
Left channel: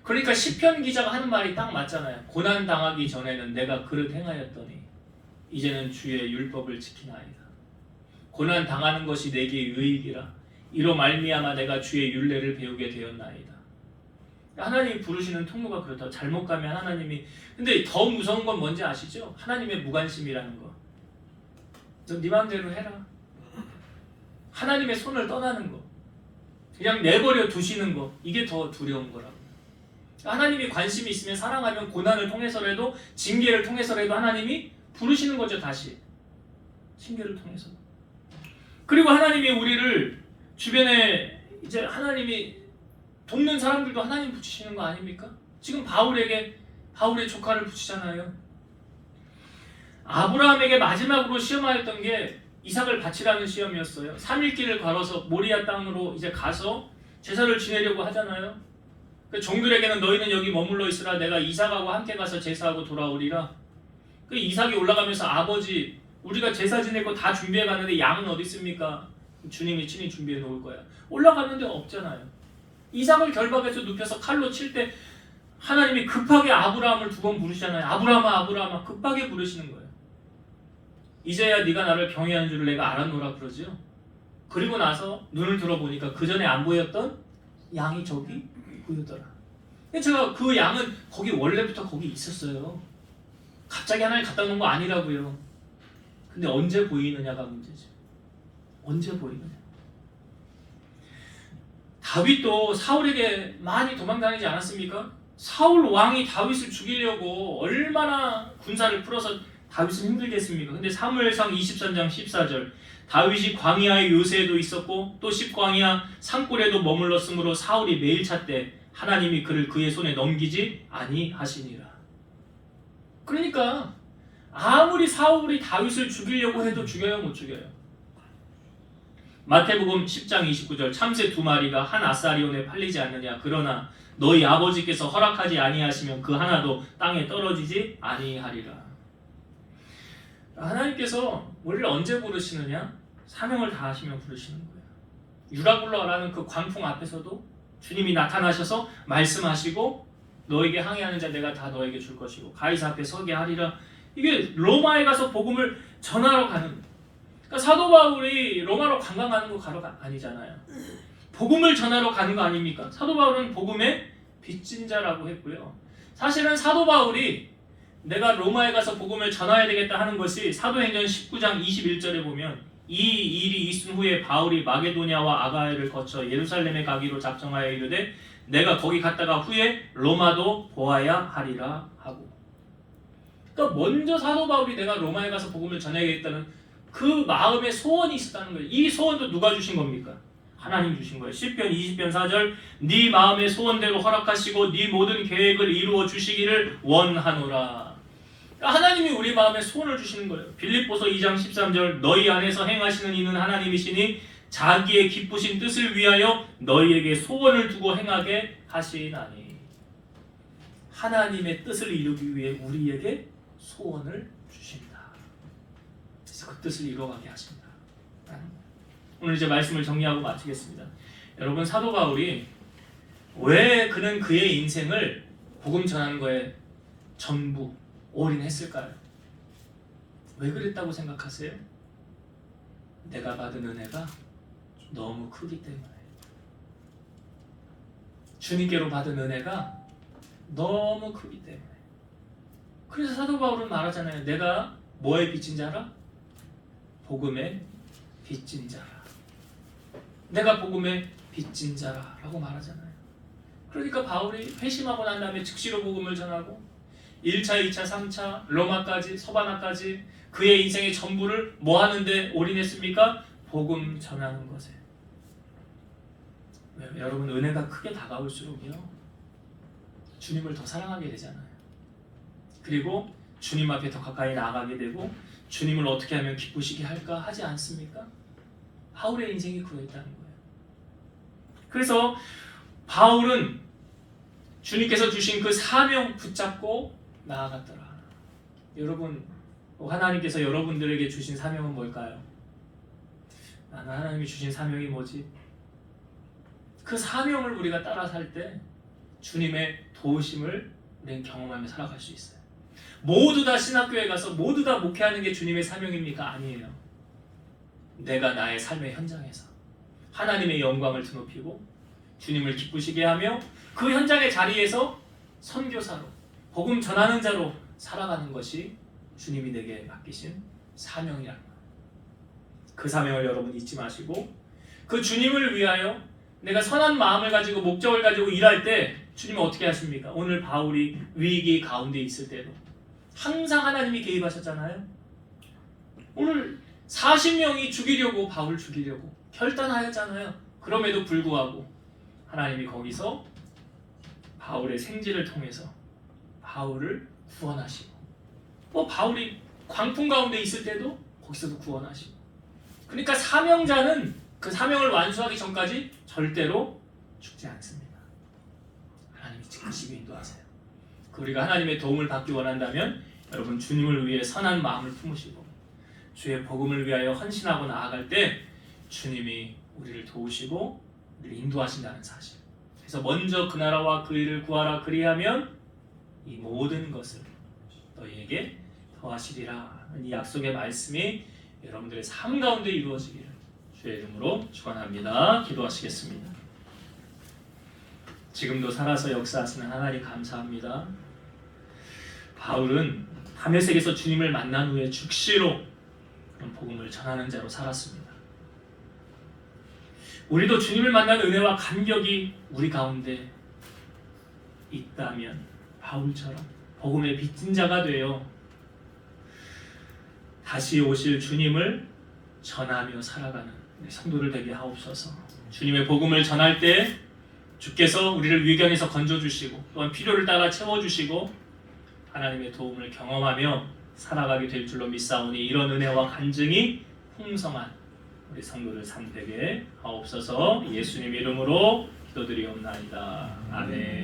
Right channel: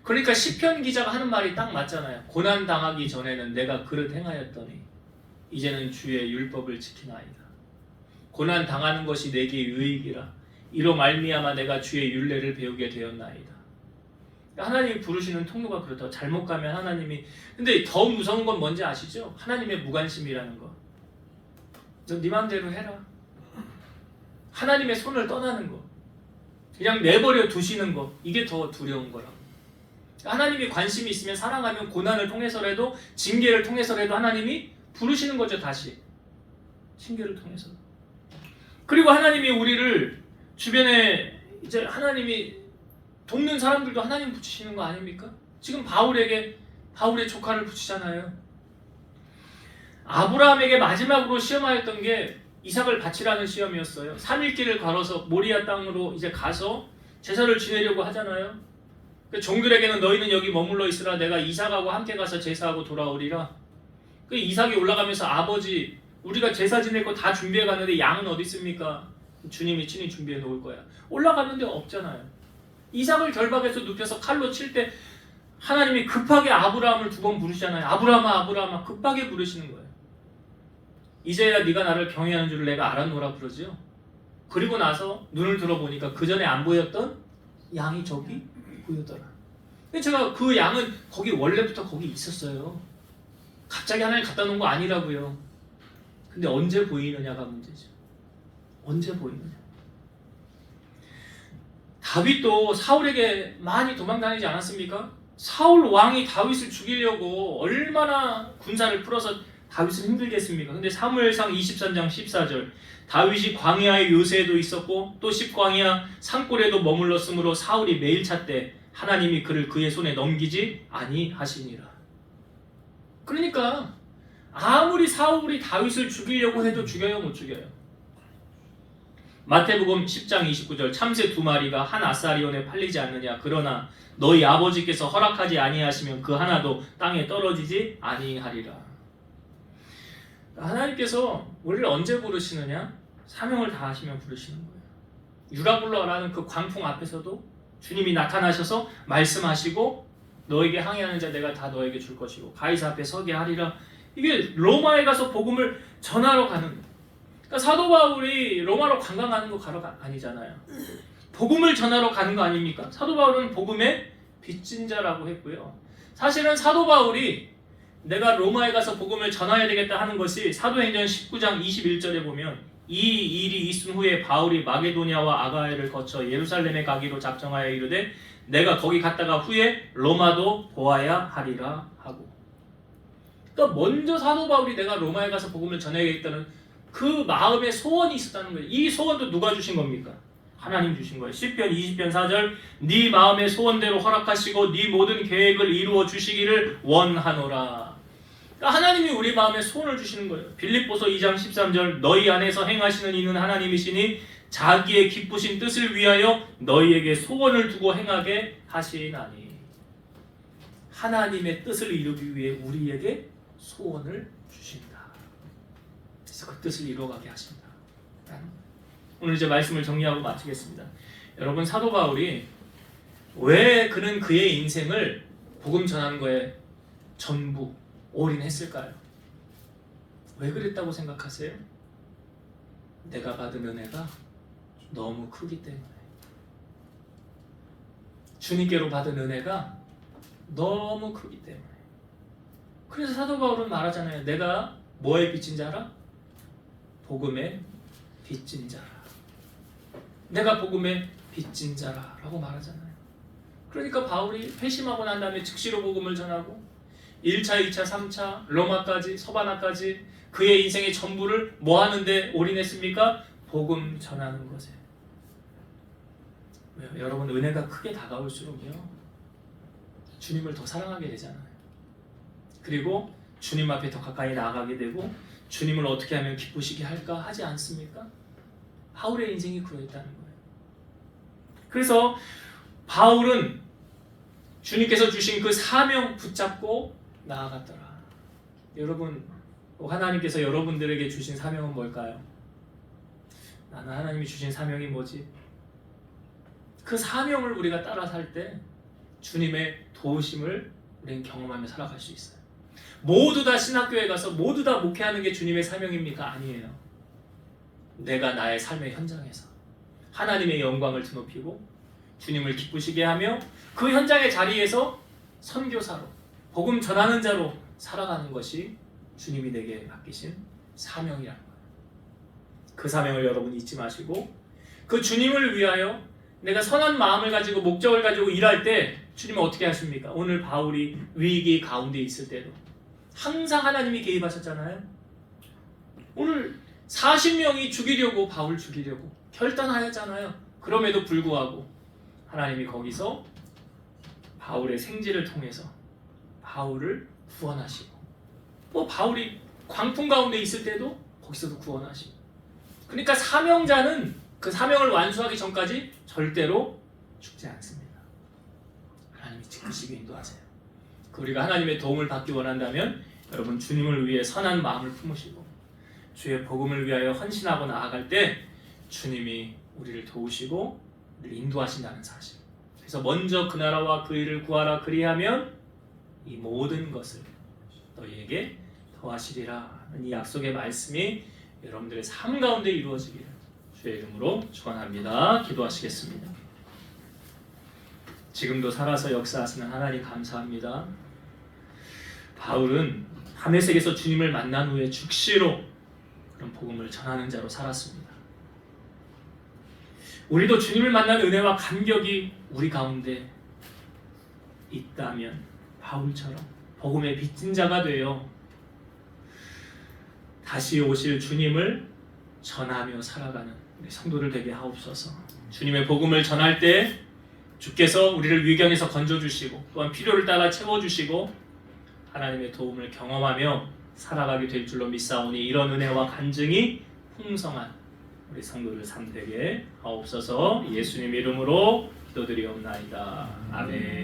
그러니까 시편 기자가 하는 말이 딱 맞잖아요. 고난 당하기 전에는 내가 그릇 행하였더니 이제는 주의 율법을 지키나이다. 고난 당하는 것이 내게 유익이라. 이로 말미암아 내가 주의 율례를 배우게 되었나이다. 하나님이 부르시는 통로가 그렇다. 잘못 가면 하나님이, 근데 더 무서운 건 뭔지 아시죠? 하나님의 무관심이라는 거. 너 네 맘대로 해라. 하나님의 손을 떠나는 거, 그냥 내버려 두시는 거, 이게 더 두려운 거라고. 하나님이 관심이 있으면, 사랑하면 고난을 통해서라도, 징계를 통해서라도 하나님이 부르시는 거죠. 다시 징계를 통해서. 그리고 하나님이 우리를 주변에, 이제 하나님이 돕는 사람들도 하나님 붙이시는 거 아닙니까? 지금 바울에게 바울의 조카를 붙이잖아요. 아브라함에게 마지막으로 시험하였던 게 이삭을 바치라는 시험이었어요. 3일 길을 걸어서 모리아 땅으로 이제 가서 제사를 지내려고 하잖아요. 종들에게는 너희는 여기 머물러 있으라. 내가 이삭하고 함께 가서 제사하고 돌아오리라. 그 이삭이 올라가면서 아버지, 우리가 제사 지낼 거 다 준비해 갔는데 양은 어디 있습니까? 주님이 친히 준비해 놓을 거야. 올라갔는데 없잖아요. 이삭을 결박해서 눕혀서 칼로 칠 때 하나님이 급하게 아브라함을 2번 부르시잖아요. 아브라함아 아브라함아, 급하게 부르시는 거예요. 이제야 네가 나를 경외하는 줄 내가 알았노라 그러죠. 그리고 나서 눈을 들어보니까 그 전에 안 보였던 양이 저기 보였더라. 근데 제가 그 양은 거기 원래부터 거기 있었어요. 갑자기 하나님 갖다 놓은 거 아니라고요. 근데 언제 보이느냐가 문제죠. 언제 보이느냐. 다윗도 사울에게 많이 도망다니지 않았습니까? 사울 왕이 다윗을 죽이려고 얼마나 군사를 풀어서 다윗은 힘들게 했습니까? 근데 사무엘상 23장 14절 다윗이 광야의 요새에도 있었고 또 십광야 산골에도 머물렀으므로 사울이 매일 찾되 하나님이 그를 그의 손에 넘기지 아니하시니라. 그러니까 아무리 사울이 다윗을 죽이려고 해도 죽여요, 못 죽여요? 마태복음 10장 29절 참새 2마리가 한 아사리온에 팔리지 않느냐 그러나 너희 아버지께서 허락하지 아니하시면 그 하나도 땅에 떨어지지 아니하리라. 하나님께서 우리를 언제 부르시느냐? 사명을 다하시면 부르시는 거예요. 유라굴라라는 그 광풍 앞에서도 주님이 나타나셔서 말씀하시고 너에게 항해하는 자 내가 다 너에게 줄 것이고 가이사 앞에 서게 하리라. 이게 로마에 가서 복음을 전하러 가는 거예요. 그러니까 사도 바울이 로마로 관광 가는 거 가러가 아니잖아요. 복음을 전하러 가는 거 아닙니까? 사도 바울은 복음의 빚진 자라고 했고요. 사실은 사도 바울이 내가 로마에 가서 복음을 전해야 되겠다 하는 것이 사도행전 19장 21절에 보면 이 일이 있은 후에 바울이 마게도냐와 아가야를 거쳐 예루살렘에 가기로 작정하여 이르되 내가 거기 갔다가 후에 로마도 보아야 하리라 하고. 그러니까 먼저 사도 바울이 내가 로마에 가서 복음을 전해야겠다는 그 마음의 소원이 있었다는 거예요. 이 소원도 누가 주신 겁니까? 하나님 주신 거예요. 시편 20편 4절 네 마음의 소원대로 허락하시고 네 모든 계획을 이루어 주시기를 원하노라. 그러니까 하나님이 우리 마음에 소원을 주시는 거예요. 빌립보서 2장 13절 너희 안에서 행하시는 이는 하나님이시니 자기의 기쁘신 뜻을 위하여 너희에게 소원을 두고 행하게 하시나니. 하나님의 뜻을 이루기 위해 우리에게 소원을 주신다. 그래서 그 뜻을 이루어가게 하신다. 오늘 이제 말씀을 정리하고 마치겠습니다. 여러분 사도 바울이 왜 그는 그의 인생을 복음 전하는 거에 전부 올인했을까요? 왜 그랬다고 생각하세요? 내가 받은 은혜가 너무 크기 때문에. 주님께로 받은 은혜가 너무 크기 때문에. 그래서 사도 바울은 말하잖아요. 내가 뭐에 빚진 자라? 복음에 빚진 자라. 내가 복음에 빚진 자라라고 말하잖아요. 그러니까 바울이 회심하고 난 다음에 즉시로 복음을 전하고 1차, 2차, 3차, 로마까지, 서바나까지 그의 인생의 전부를 뭐 하는데 올인했습니까? 복음 전하는 것에. 여러분 은혜가 크게 다가올수록요 주님을 더 사랑하게 되잖아요. 그리고 주님 앞에 더 가까이 나아가게 되고 주님을 어떻게 하면 기쁘시게 할까 하지 않습니까? 바울의 인생이 그러했다는 거예요. 그래서 바울은 주님께서 주신 그 사명 붙잡고 나아갔더라. 여러분 하나님께서 여러분들에게 주신 사명은 뭘까요? 나는 하나님이 주신 사명이 뭐지? 그 사명을 우리가 따라 살 때 주님의 도우심을 우리는 경험하며 살아갈 수 있어요. 모두 다 신학교에 가서 모두 다 목회하는 게 주님의 사명입니까? 아니에요. 내가 나의 삶의 현장에서 하나님의 영광을 드높이고 주님을 기쁘시게 하며 그 현장의 자리에서 선교사로 복음 전하는 자로 살아가는 것이 주님이 내게 맡기신 사명이라는 거예요. 그 사명을 여러분 잊지 마시고 그 주님을 위하여 내가 선한 마음을 가지고 목적을 가지고 일할 때 주님은 어떻게 하십니까? 오늘 바울이 위기 가운데 있을 때도 항상 하나님이 개입하셨잖아요. 오늘 40명이 죽이려고 바울 죽이려고 결단하였잖아요. 그럼에도 불구하고 하나님이 거기서 바울의 생지를 통해서 바울을 구원하시고 또 바울이 광풍 가운데 있을 때도 거기서도 구원하시고. 그러니까 사명자는 그 사명을 완수하기 전까지 절대로 죽지 않습니다. 하나님이 지키시고 인도하세요. 우리가 하나님의 도움을 받기 원한다면 여러분 주님을 위해 선한 마음을 품으시고 주의 복음을 위하여 헌신하고 나아갈 때 주님이 우리를 도우시고 우리를 인도하신다는 사실. 그래서 먼저 그 나라와 그 일을 구하라 그리하면 이 모든 것을 너희에게 더하시리라. 이 약속의 말씀이 여러분들의 삶 가운데 이루어지기를 주의 이름으로 축원합니다. 기도하시겠습니다. 지금도 살아서 역사하시는 하나님 감사합니다. 바울은 다메섹에서 주님을 만난 후에 즉시로 그런 복음을 전하는 자로 살았습니다. 우리도 주님을 만난 은혜와 감격이 우리 가운데 있다면 바울처럼 복음의 빚진 자가 되어 다시 오실 주님을 전하며 살아가는 우리 성도들 되게 하옵소서. 주님의 복음을 전할 때 주께서 우리를 위경에서 건져주시고 또한 필요를 따라 채워주시고 하나님의 도움을 경험하며 살아가게 될 줄로 믿사오니 이런 은혜와 간증이 풍성한 우리 성도들 삶 되게 하옵소서. 예수님 이름으로 기도드리옵나이다. 아멘.